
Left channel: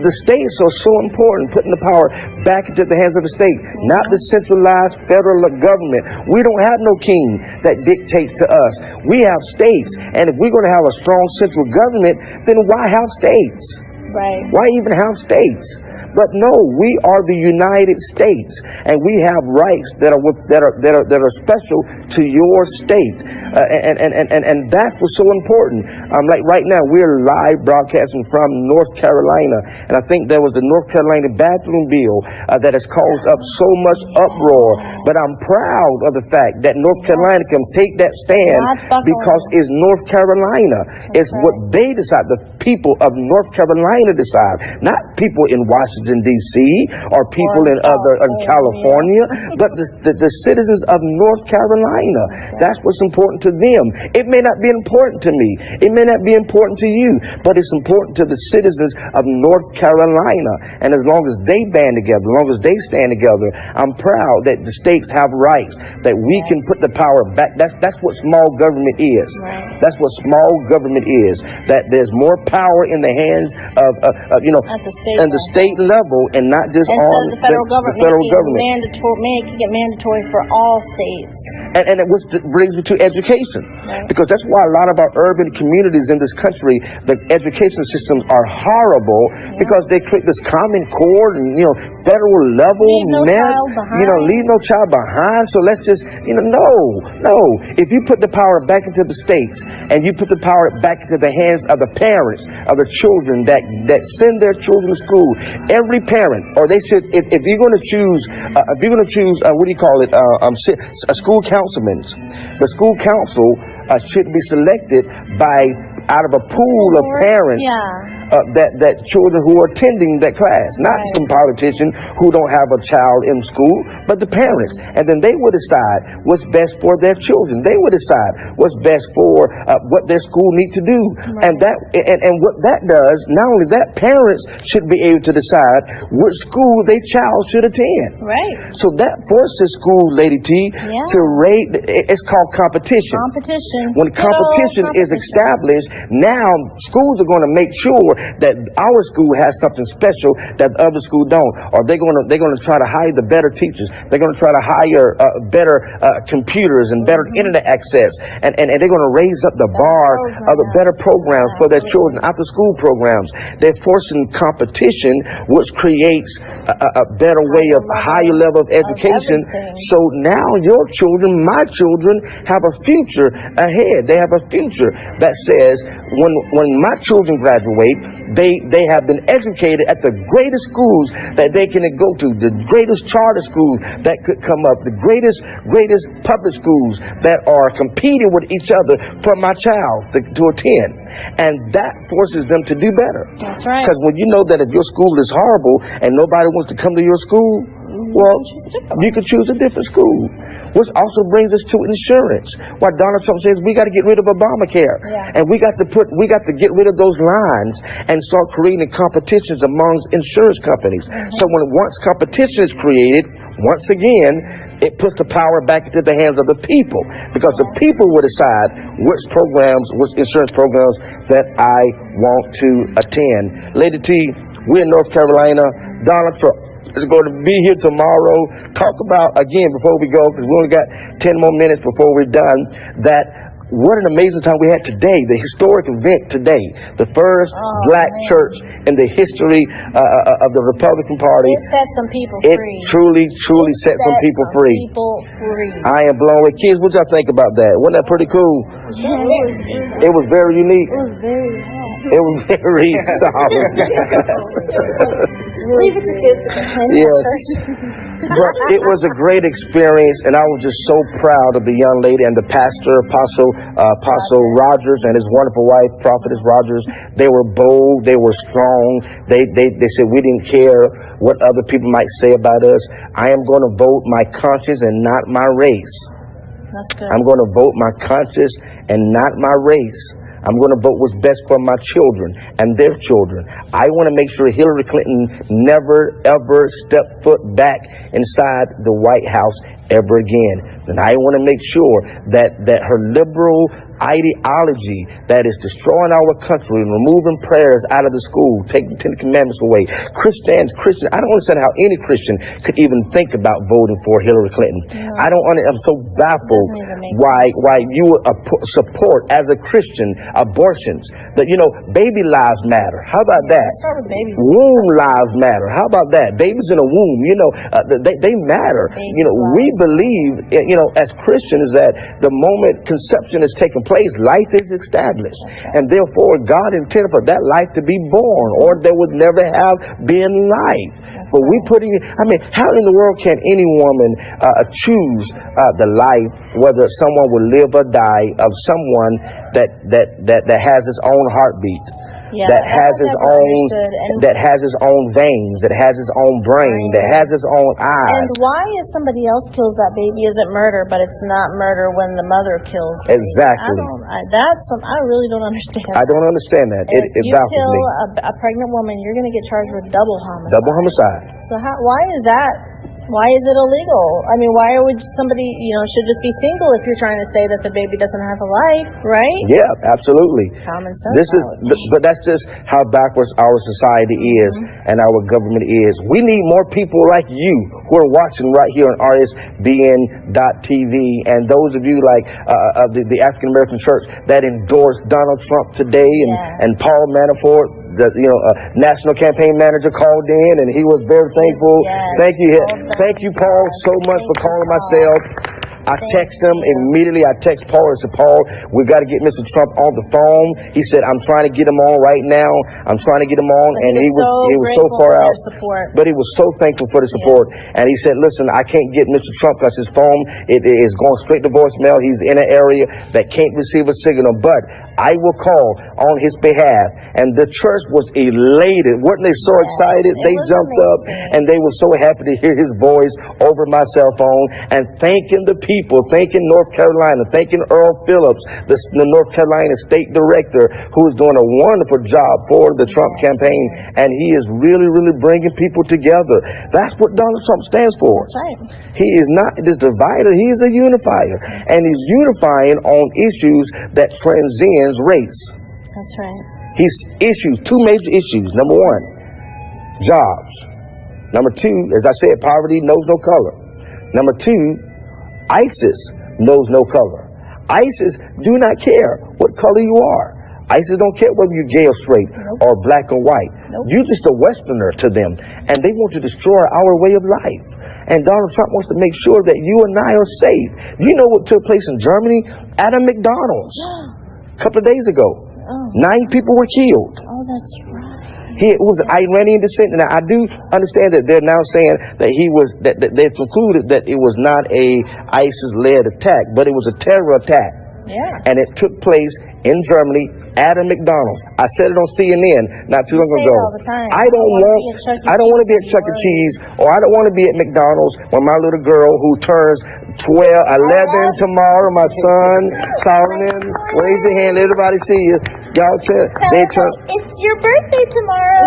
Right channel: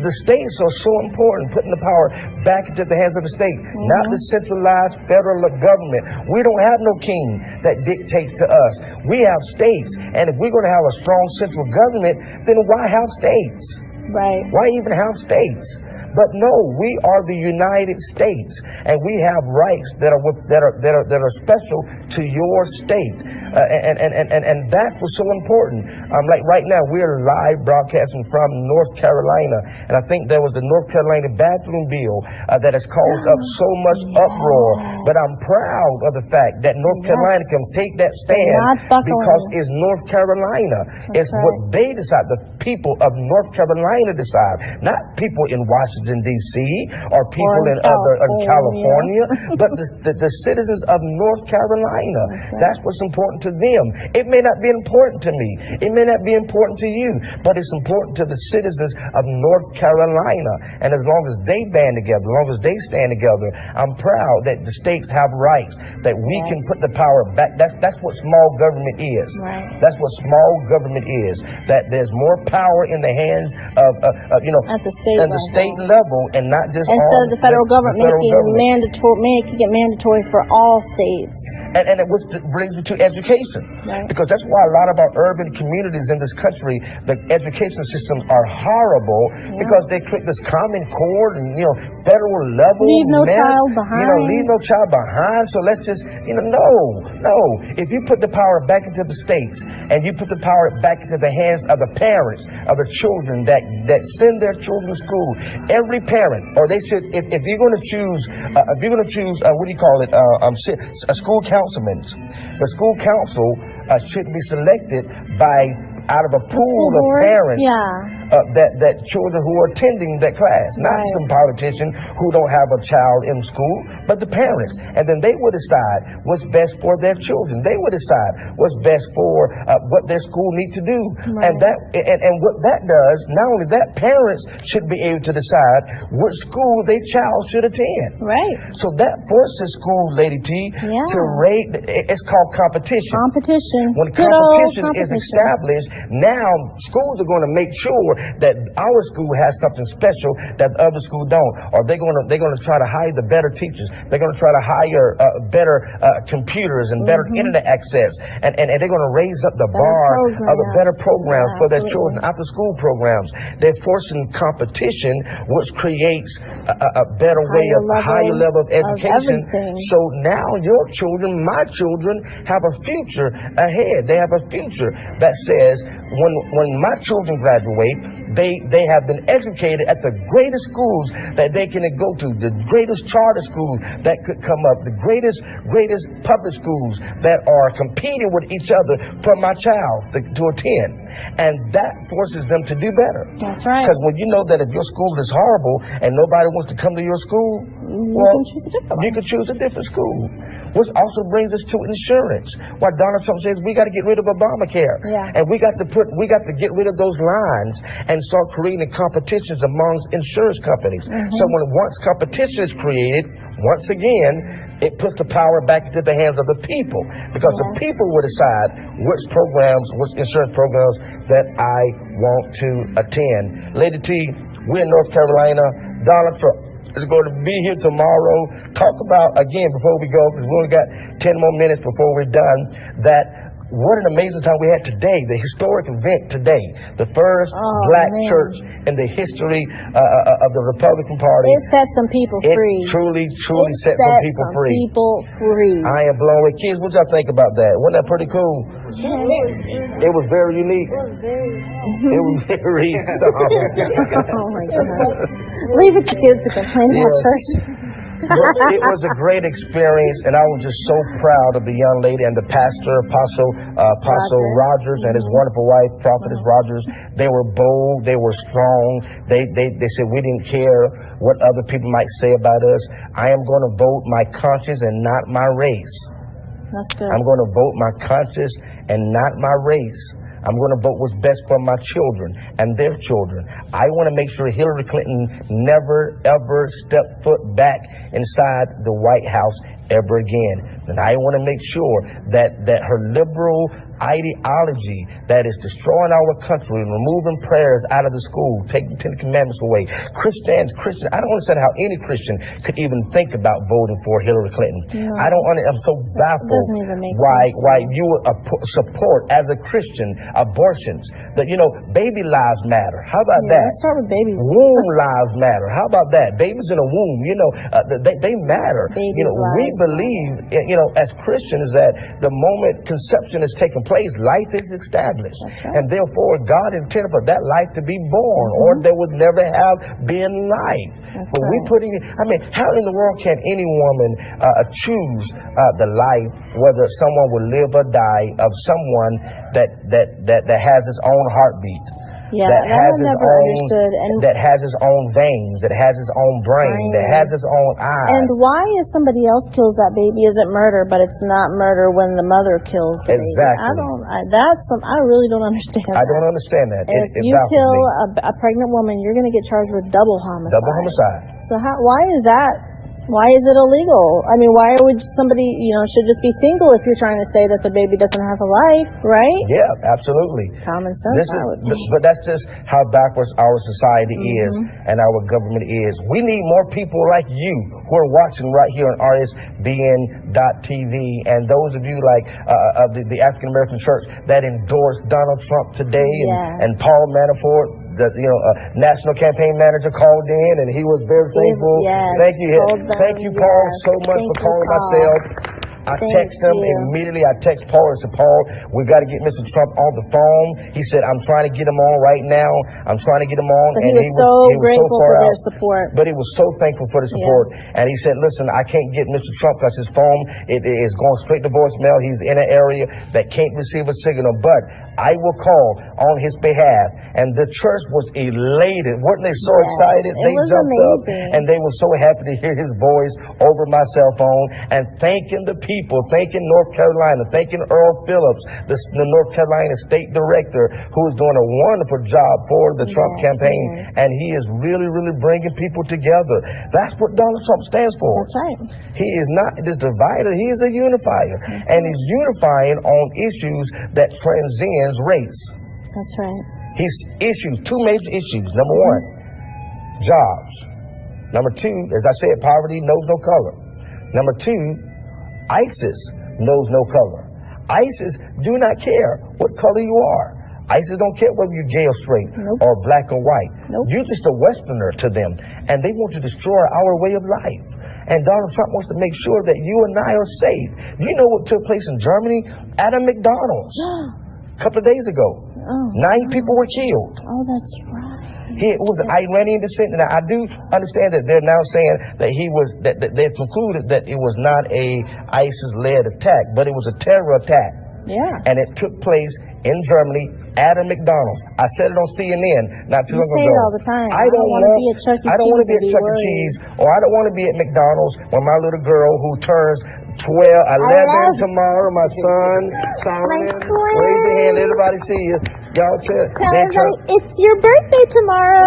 the states are so important, putting the power back into the hands of the state, not the centralized federal government. We don't have no king that dictates to us. We have states, and if we're going to have a strong central government, then why have states? Right. Why even have states? But no, we are the United States, and we have rights that are special to your state, and that's what's so important. Like right now, we're live broadcasting from North Carolina, and I think there was the North Carolina bathroom bill that has caused up so much uproar. But I'm proud of the fact that North Carolina can take that stand because it's North Carolina. It's what they decide. The people of North Carolina decide, not people in Washington D.C. or people in California, but the citizens of North Carolina. That's what's important to them. It may not be important to me. It may not be important to you, but it's important to the citizens of North Carolina. And as long as they band together, as long as they stand together, I'm proud that the states have rights, that we can put the power back. That's what small government is. That's what small government is. That there's more power in the hands of at the state level, and not just instead of the federal government making it mandatory for all states. And it brings me to education, because that's why a lot of our urban communities in this country, the education systems are horrible, because they create this Common Core and federal level mess. Leave no child behind. So let's just no. If you put the power back into the states, and you put the power back into the hands of the parents of the children that send their children to school, every parent, or they said, if you're going to choose, what do you call it, a school councilman, the school council should be selected out of a pool of parents. That children who are attending that class, not some politician who don't have a child in school, but the parents. And then they will decide what's best for their children. They will decide what's best for what their school needs to do. And what that does, not only that, parents should be able to decide which school their child should attend. Right. So that forces school, Lady T, to rate. It's called competition. When competition is established, now schools are going to make sure that our school has something special that other schools don't, or they're going to try to hire the better teachers. They're going to try to hire better computers and better internet access, and they're going to raise up the bar of the better programs for their children, after school programs. They're forcing competition, which creates a better way of a higher level of education. So now your children, my children, have a future ahead. They have a future that says when my children graduate, they have been educated at the greatest schools that they can go to, the greatest charter schools that could come up, the greatest public schools that are competing with each other for my child to attend. And that forces them to do better. That's right. Because when you know that if your school is horrible and nobody wants to come to your school, you can choose a different school. Which also brings us to insurance. Why Donald Trump says we got to get rid of Obamacare, and we got to get rid of those lines and start creating competitions amongst insurance companies. So once competition is created, once again, it puts the power back into the hands of the people, because the people will decide which insurance programs that I want to attend. Lady T, we're in North Carolina. Donald Trump is going to be here tomorrow. Talk about, again, before we go, because we only got 10 more minutes before we're done, that what an amazing time we had today, the historic event today, the first black church in the history of the Republican Party. It set some people free. It truly set some people free. I am blown away. Kids, what y'all think about that? Wasn't that pretty cool? It was very unique. It was very solid. Leave it to kids to go. But it was a great experience, and I was just so proud of the young lady and the pastor, Apostle Rogers, and his wonderful wife, Prophetess Rogers. They were bold, they were strong. They said we didn't care what other people might say about us. I am going to vote my conscience and not my race. That's good. I'm going to vote my conscience and not my race. I'm going to vote what's best for my children and their children. I want to make sure Hillary Clinton never, ever step foot back inside the White House ever again. And I want to make sure that her liberal ideology that is destroying our country and removing prayers out of the school, taking 10 Commandments away. Christians, I don't understand how any Christian could even think about voting for Hillary Clinton. I'm so baffled why you would support, as a Christian, abortions. That, baby lives matter. How about that? Let's start with babies. Womb lives matter. How about that? Babies in a womb, they matter. We believe, as Christians, that the moment conception is taking place, life is established. And therefore, God intended for that life to be born, or there would never have been life. But we how in the world can any woman choose the life, whether someone will live or die, of someone that has his own heartbeat? That has his own veins, that has his own brain, that has his own eyes. And why, if somebody else kills that baby, is it murder, but it's not murder when the mother kills the exactly. baby? I really don't understand. I don't understand that. If you kill a pregnant woman, you're going to get charged with double homicide. Double homicide. So why is that? Why is it illegal? I mean, why would somebody, should this be single if you're trying to say that the baby doesn't have a life, right? Yeah, absolutely. Common sense. But that's just how backwards our society is and our government is. We need more people like you who are watching right here on RSBN.TV, and those of you like the African American church that endorsed Donald Trump today, and Paul Manafort, the national campaign manager, called in, and he was very thankful. Thank you. Thank you, Paul, so much for calling myself. I text him immediately. I text Paul and said, Paul, we got to get Mr. Trump on the phone. He said, I'm trying to get him on right now. I'm trying to get him on. But and he was so far out. But he was so thankful for the support. And he said, listen, I can't get Mr. Trump because his phone it is going straight to voicemail. He's in an area that can't receive a signal. But I will call on his behalf. And the church was elated. Weren't they so excited? They jumped up and they were so happy to hear his voice over my cell phone, and thanking the people, thanking North Carolina, thanking Earl Phillips, the North Carolina state director, who is doing a wonderful job for the Trump campaign. And he is really, really bringing people together. That's what Donald Trump stands for. That's right. He is not this divider. He is a unifier. And he's unifying on issues that transcends race. That's right. Two major issues. Number one, jobs. Number two, as I said, poverty knows no color. Number two, ISIS knows no color. ISIS do not care what color you are. ISIS don't care whether you're gay or straight or black or white. You're just a Westerner to them, and they want to destroy our way of life. And Donald Trump wants to make sure that you and I are safe. You know what took place in Germany? At a McDonald's a couple of days ago. 9 people were killed. Oh, that's right. He was Iranian descent, and I do understand that they're now saying that that they've concluded that it was not a ISIS-led attack, but it was a terror attack. Yeah. And it took place in Germany at a McDonald's. I said it on CNN not too long ago. All the time. I don't want to be at Chuck E. Cheese, or I don't want to be at McDonald's when my little girl, who turns 11 tomorrow, my son, Solomon, raise your hand, let everybody see you. Y'all it's your birthday tomorrow.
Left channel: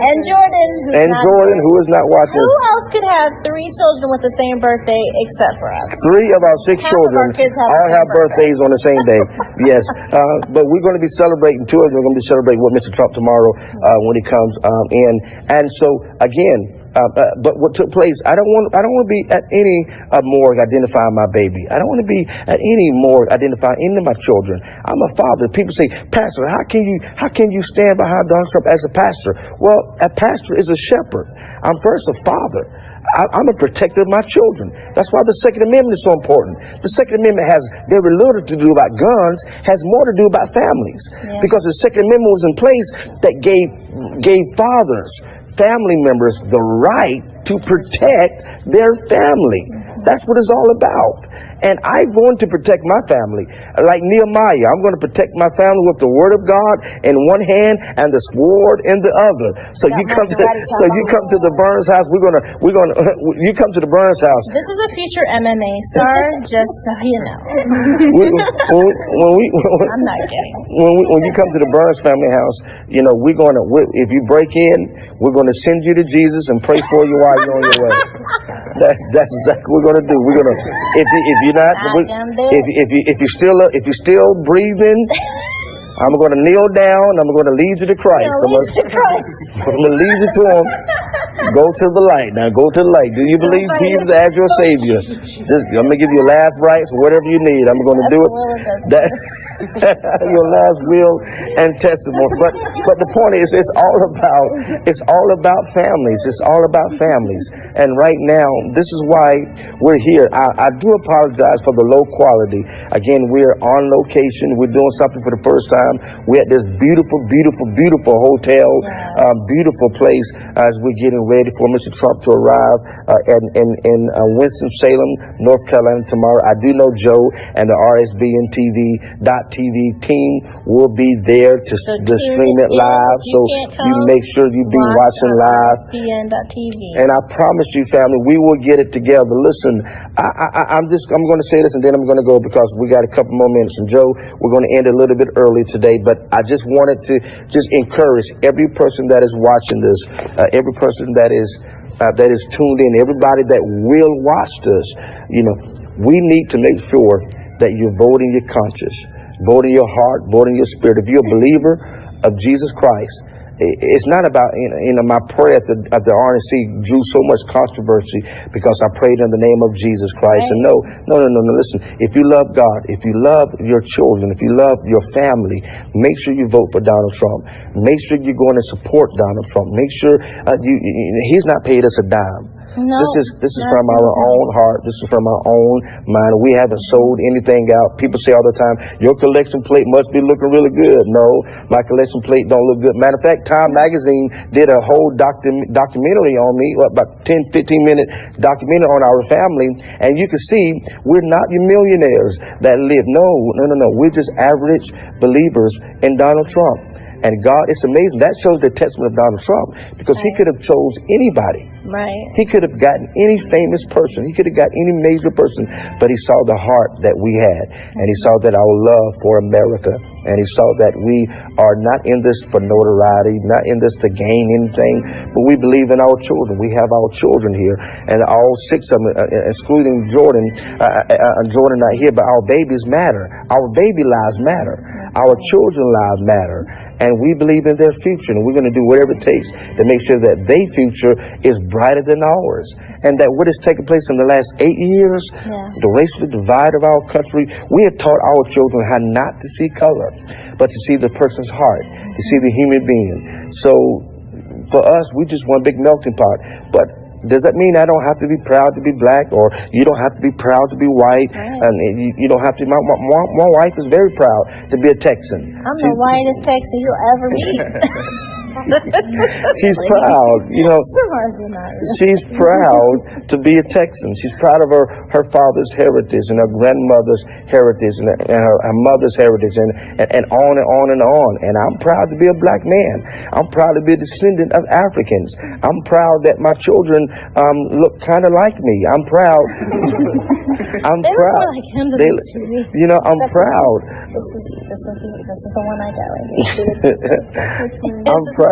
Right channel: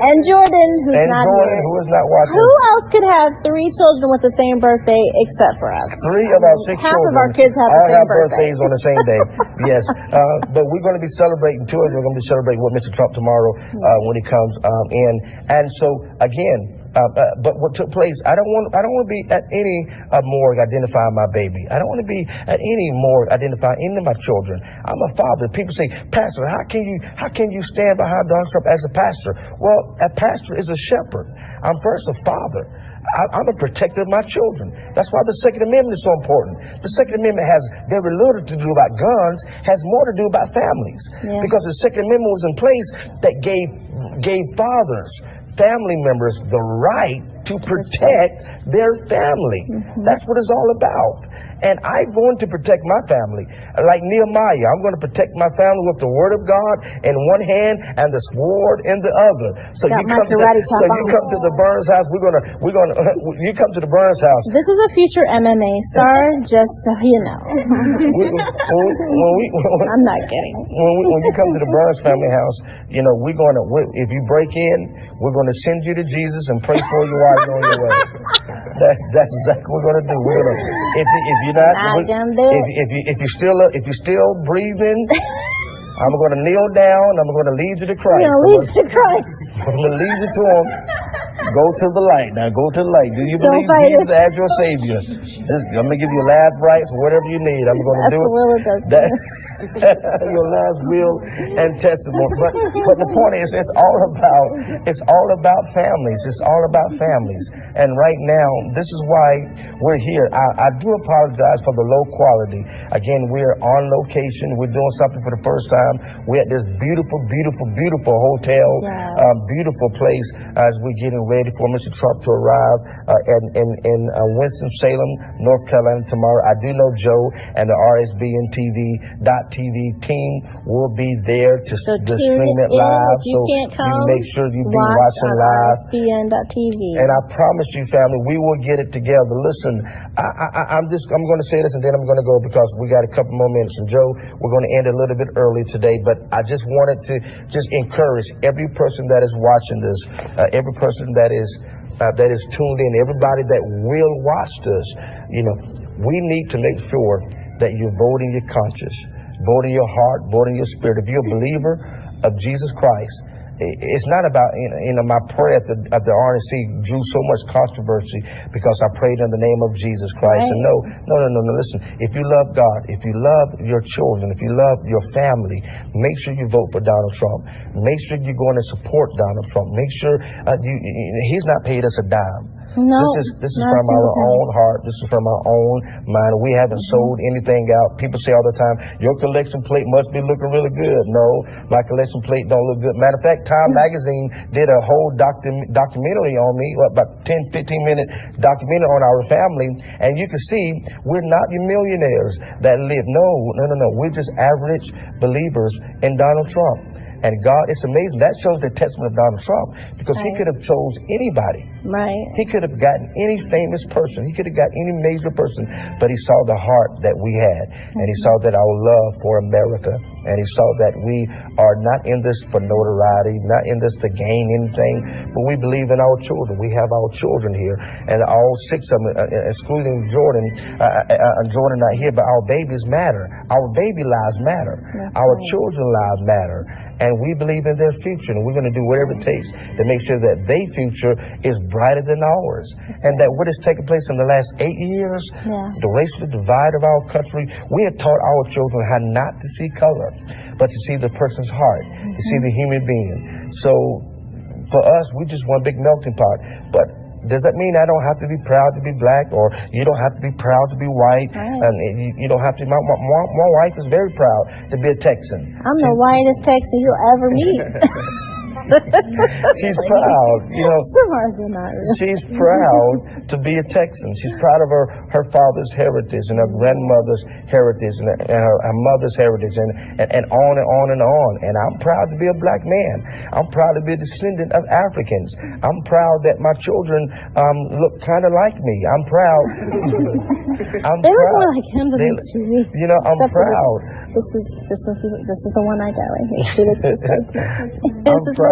And Jordan, who is not watching. Who else could have 3 children with the same birthday except for us? 3 of our 6 children all have birthdays on the same day. Yes, but we're going to be celebrating. 2 of them are going to be celebrating with Mr. Trump tomorrow when he comes in. And so again, but what took place, I don't want to be at any morgue identifying my baby. I don't want to be at any morgue identifying any of my children. I'm a father. People say, Pastor, how can you stand behind Donald Trump as a pastor? Well, a pastor is a shepherd. I'm first a father. I'm a protector of my children. That's why the Second Amendment is so important. The Second Amendment has very little to do about guns, has more to do about families. Because the Second Amendment was in place that gave fathers, family members, the right to protect their family. That's what it's all about. And I'm going to protect my family. Like Nehemiah, I'm going to protect my family with the word of God in one hand and the sword in the other. So you come to the Burns house. You come to the Burns house. This is a future MMA star, just so you know. I'm not kidding. When you come to the Burns family house, if you break in, we're going to send you to Jesus and pray for you while while you're on your way. That's exactly what we're gonna do. We're gonna if you're not if you're still breathing, I'm going to kneel down. I'm going to lead you to Christ. I'm going to lead you to Him. Go to the light. Now go to the light. Do you believe Jesus as your Savior? I'm going to give you last rites, whatever you need. I'm going to do it. Your last will and testimony. But the point is, it's all about families. It's all about families. And right now, this is why we're here. I do apologize for the low quality. Again, we're on location. We're doing something for the first time. We're at this beautiful, beautiful, beautiful hotel, beautiful place as we're getting ready for Mr. Trump to arrive in Winston-Salem, North Carolina tomorrow. I do know Joe and the RSBN TV team will be there to stream it live. So you make sure you be watching live. RSBN.TV. And I promise you, family, we will get it together. Listen, I'm going to say this and then I'm going to go because we got a couple more minutes. And Joe, we're going to end a little bit early today, but I just wanted to just encourage every person that is watching this, every person that is tuned in, everybody that will watch this. You know, we need to make sure that you're voting your conscience, voting your heart, voting your spirit. If you're a believer of Jesus Christ, it's not about, my prayer at the RNC drew so much controversy because I prayed in the name of Jesus Christ. And no, listen, if you love God, if you love your children, if you love your family, make sure you vote for Donald Trump. Make sure you're going to support Donald Trump. Make sure he's not paid us a dime. No, this is from our own heart. This is from our own mind. We haven't sold anything out. People say all the time, your collection plate must be looking really good. No, my collection plate don't look good. Matter of fact, Time Magazine did a whole documentary on me, about 10, 15-minute documentary on our family. And you can see we're not your millionaires that live. No. We're just average believers in Donald Trump. And God, it's amazing. That shows the testament of Donald Trump because he could have chose anybody. Right. He could have gotten any famous person. He could have got any major person, but he saw the heart that we had, and he saw that our love for America, and he saw that we are not in this for notoriety, not in this to gain anything, but we believe in our children. We have our children here, and all 6 of them, excluding Jordan. Jordan not here, but our babies matter. Our baby lives matter. Our children's lives matter. And we believe in their future, and we're going to do whatever it takes to make sure that their future is brighter than ours. And that what has taken place in the last 8 years, the racial divide of our country, we have taught our children how not to see color, but to see the person's heart, to see the human being. So for us, we just one big melting pot. But does that mean I don't have to be proud to be black, or you don't have to be proud to be white? And you don't have to. My wife is very proud to be a Texan. I'm the whitest Texan you'll ever meet. She's proud, she's proud to be a Texan. She's proud of her father's heritage and her grandmother's heritage and her mother's heritage and on and on and on. And I'm proud to be a black man. I'm proud to be a descendant of Africans. I'm proud that my children look kind of like me. I'm proud. I'm they proud. Look more like him than to me. I'm proud. This is the one I got right here.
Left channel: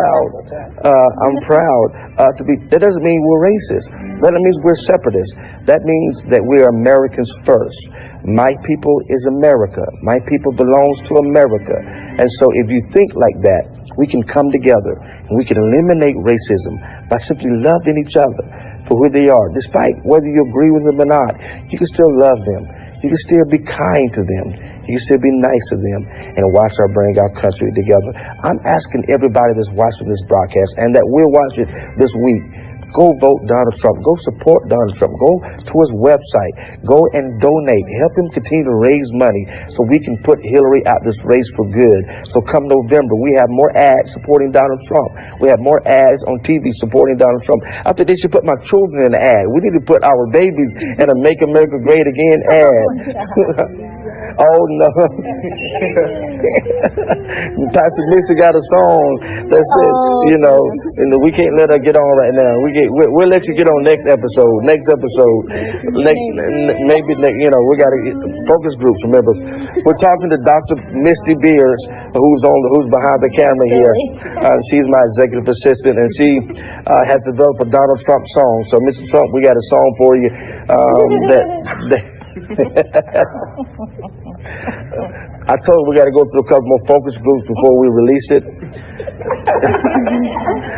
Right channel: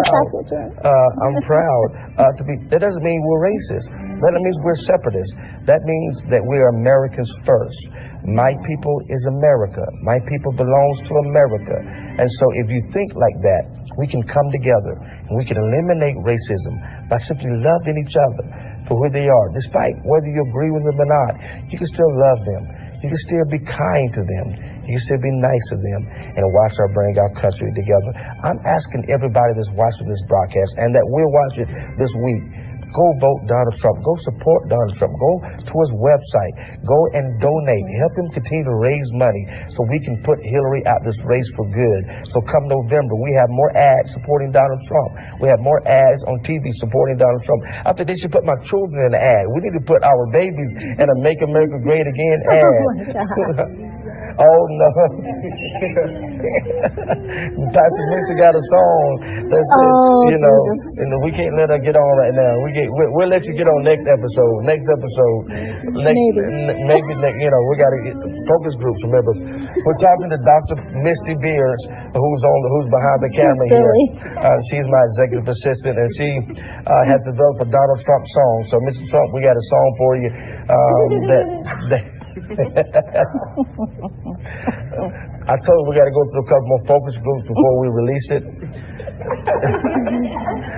I'm proud to be. That doesn't mean we're racist. That means we're separatists. That means that we're Americans first. My people is America. My people belongs to America. And so if you think like that, we can come together and we can eliminate racism by simply loving each other for who they are. Despite whether you agree with them or not, you can still love them. You can still be kind to them. You can still be nice to them and watch our bring our country together. I'm asking everybody that's watching this broadcast and that will watch it this week, go vote Donald Trump. Go support Donald Trump. Go to his website. Go and donate. Help him continue to raise money so we can put Hillary out this race for good. So come November, we have more ads supporting Donald Trump. We have more ads on TV supporting Donald Trump. I think they should put my children in the ad. We need to put our babies in a Make America Great Again ad. Oh no. Pastor Misty got a song that says, you know, and we can't let her get on right now. We'll let you get on next episode. Maybe you know, we gotta get focus groups. Remember, we're talking to Dr. Misty Beers, who's behind the camera here. She's my executive assistant, and she has developed a Donald Trump song. So, Mr. Trump, we got a song for you. I told her we got to go through a couple more focus groups before we release it.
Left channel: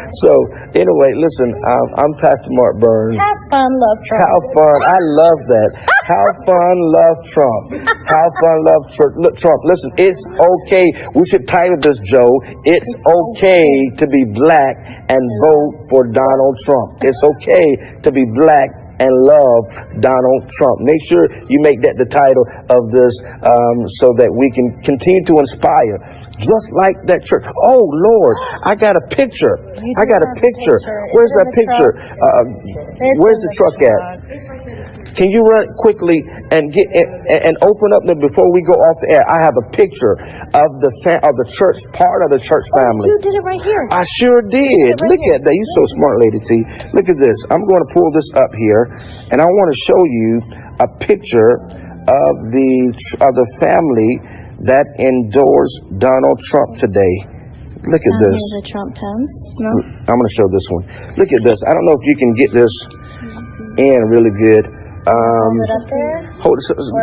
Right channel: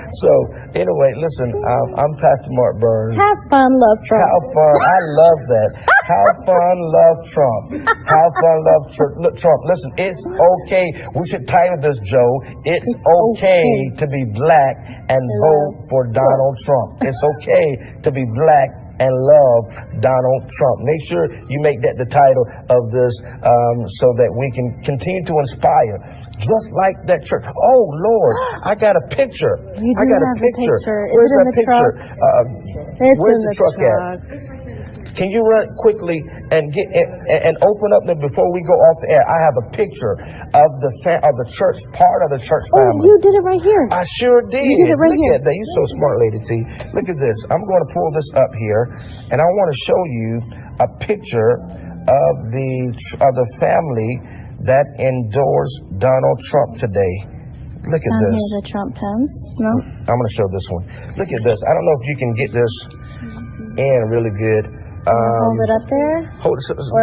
So, anyway, listen, I'm Pastor Mark Burns. Have fun, love Trump. Have fun. I love that. Have fun, love Trump. Have fun, love Trump. Listen, it's okay. We should title this, Joe. It's okay to be black and vote for Donald Trump. It's okay to be black and love Donald Trump. Make sure you make that the title of this so that we can continue to inspire. Just like that church. Oh, Lord, I got a picture. I got a picture. Where's that picture? Where's the truck at? Can you run quickly and get and open up before we go off the air? I have a picture of the church, part of the church family. You did it right here. I sure did. Look at that. You're so smart, Lady T. Look at this. I'm going to pull this up here, and I want to show you a picture of the family that endorsed Donald Trump today. Look at this. Here's the Trump pins. Yeah. I'm going to show this one. Look at this. I don't know if you can get this in really good. Hold it up there.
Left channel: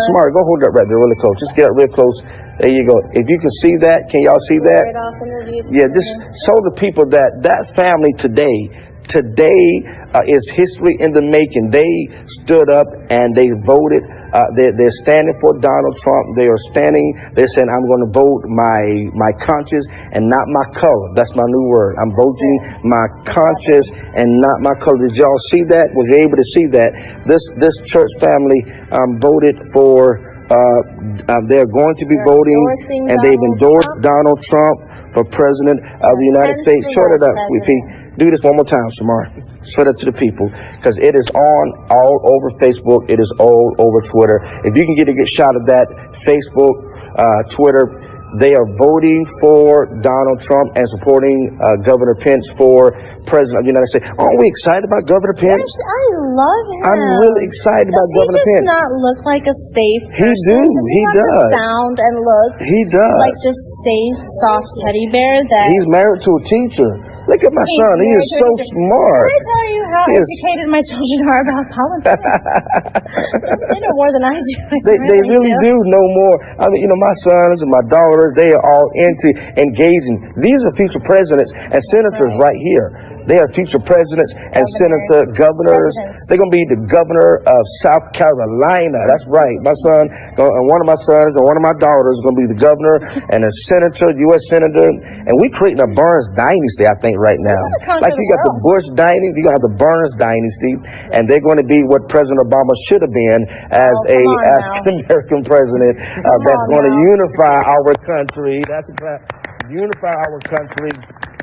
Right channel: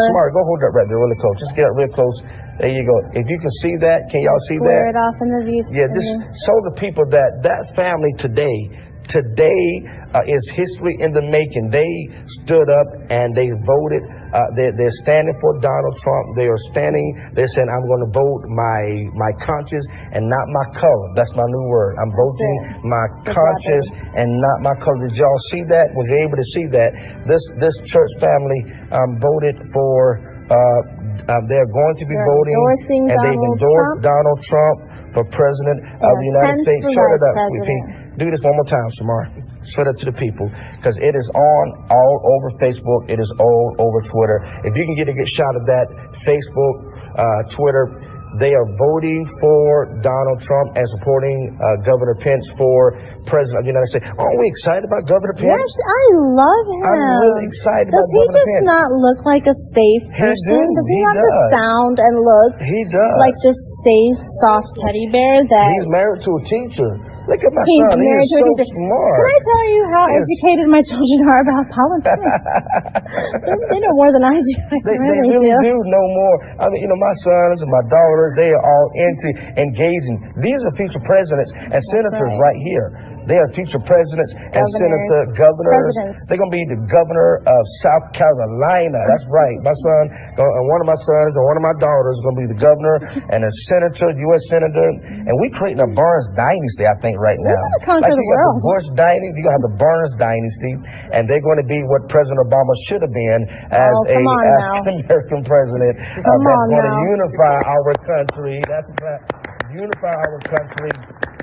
Smart, go hold it up right there really close. Just get it real close. There you go. If you can see that, can y'all see that? It off into these just show the people that family today is history in the making. They stood up and they voted. They're standing for Donald Trump. They're saying, I'm going to vote my conscience and not my color. That's my new word. I'm voting my conscience and not my color. Did y'all see that? Was you able to see that? This church family voted for, they're going to be voting, and they've endorsed Donald Trump for president of the United States. Shut it up, sweetie. Do this one more time, Samar. Show that to the people, because it is on all over Facebook. It is all over Twitter. If you can get a good shot of that, Facebook, Twitter, they are voting for Donald Trump and supporting Governor Pence for president of the United States. Aren't we excited about Governor Pence? Yes, I love him. I'm really excited about Governor Pence. Does he just not look like a safe person? Does he does. Sound and look he does. like this safe, soft teddy bear that... He's married to a teacher. Look at my son. He is so smart. Can I tell you how educated my children are about politics? They know more than I do. They really do know more. I mean, my sons and my daughter, they are all into engaging. These are future presidents and senators right here. They are future presidents and governors. They're going to be the governor of South Carolina. That's right. My son, one of my sons and one of my daughters is going to be the governor and a senator, U.S. senator. And we're creating a Burns dynasty, I think, right now. Like you got the Bush dynasty, you're going to have the Burns dynasty, and they're going to be what President Obama should have been as a African-American president that's going to unify our country. That's about unify our country,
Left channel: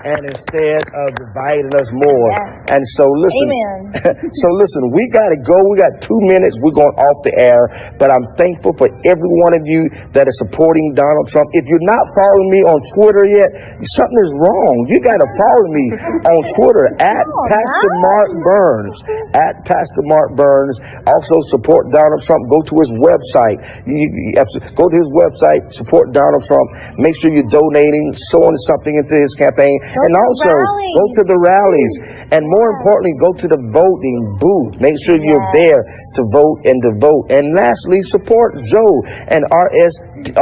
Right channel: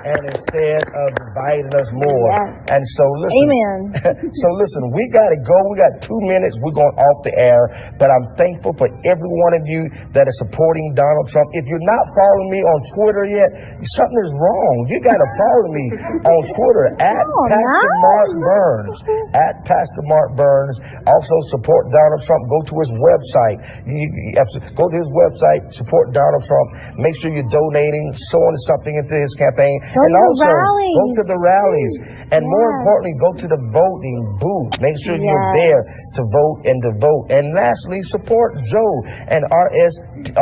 and instead of dividing us more. Yes. And so listen, we got to go. We got 2 minutes. We're going off the air, but I'm thankful for every one of you that is supporting Donald Trump. If you're not following me on Twitter yet, something is wrong. You got to follow me on Twitter at Pastor Mark Burns. At Pastor Mark Burns. Also support Donald Trump. Go to his website. Go to his website. Support Donald Trump. Make sure you're donating, sowing something into his campaign. And also, go to the rallies. And more importantly, go to the voting booth. Make sure you're there to vote and to vote. And lastly, support Joe and RSBN.TV,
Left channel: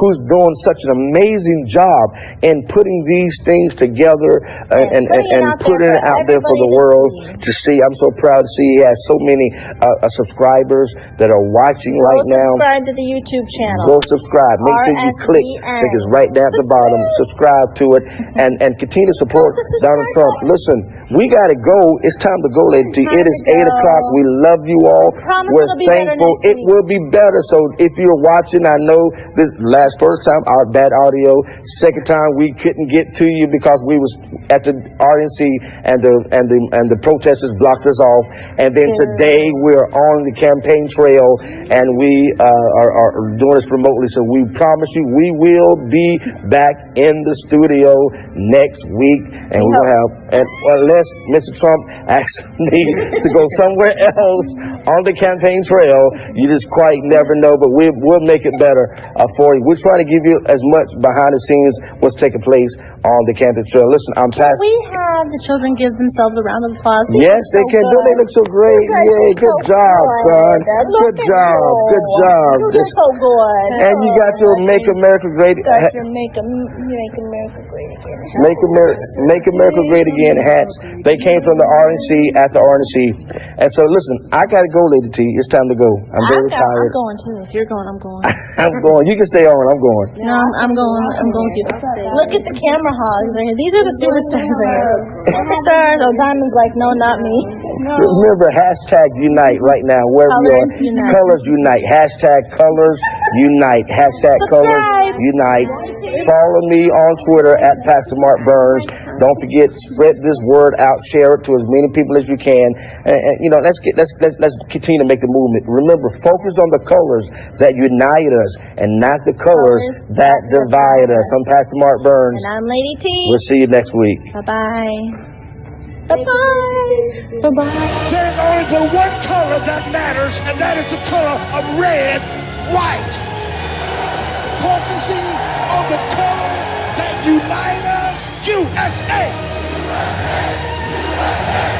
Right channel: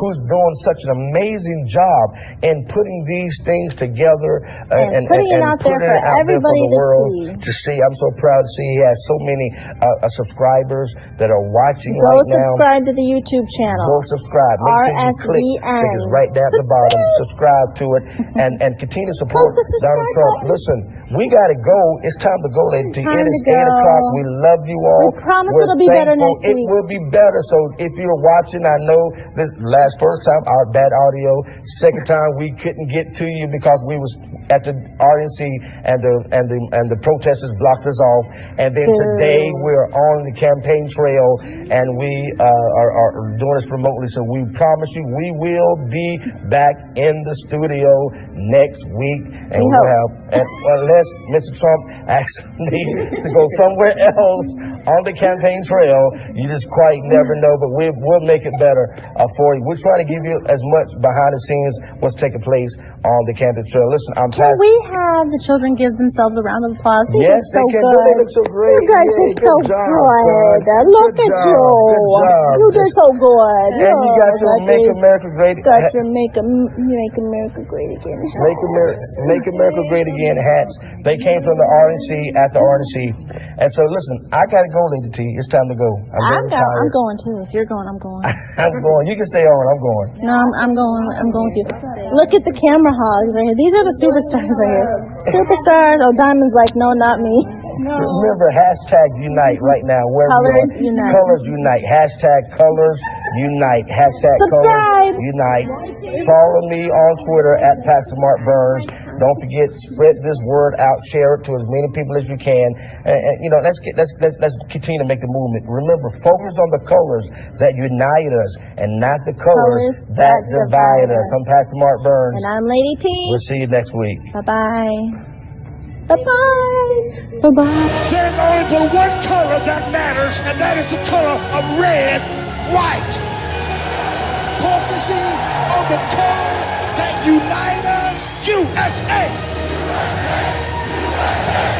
who's doing such an amazing job in putting these things together and putting it out there for the world to see. I'm so proud to see he has so many subscribers that are watching right now. Go subscribe to the YouTube channel. Go subscribe. Make sure you click. It's right there at the bottom. subscribe to it, and continue to support Donald Trump. Listen, we got to go. It's time to go, Lady T. It is 8 o'clock. We love you all. We're it'll be better next week. It will be better. So if you're watching, I know this first time our bad audio. Second time we couldn't get to you because we was at the RNC and the protesters blocked us off. And then today we're on the campaign trail and we are doing this remotely. So we promise you we will be back in the studio next week, and we'll have, unless Mr. Trump asks me to go somewhere else on the campaign trail, you just quite never know. But we'll make it better for you. We're trying to give you as much behind the scenes what's taking place on the campaign trail. Listen, I'm Can we have the children give themselves a round of applause? Yes, they can. They look so great. Good job, son. Look at you. Good job. You did so good. And you got your Make America Great. Got your Make America Great Again. Make America Great Again hats. They came from the RNC at the RNC. And so, listen, I got to go, Lady T. It's time to go. I'm very tired. I'm going too. If you're going, I'm going. I'm going. You can stay on. I'm going. No, I'm going. I'm going with you. Look at the camera hogs right here. These are the superstars right here. Superstars or diamonds like, no, not me. Remember, hashtag unite right now, wherever you are. Colors unite. Hashtag colors unite. Hashtag colors unite. Follow me on Twitter at Pastor Mark Burns. Don't forget, spread this word out, share it to as many people as you can. And you know, let's continue to make the movement. Remember, focus on the colors that unite us and not the colors that divide us. I'm Pastor Mark Burns. And I'm Lady T. We'll see you next week. Bye-bye. Bye-bye. Bye-bye. There's only the one color that matters, and that is the color of red, white. Focusing on the colors that unite us, USA. USA, USA.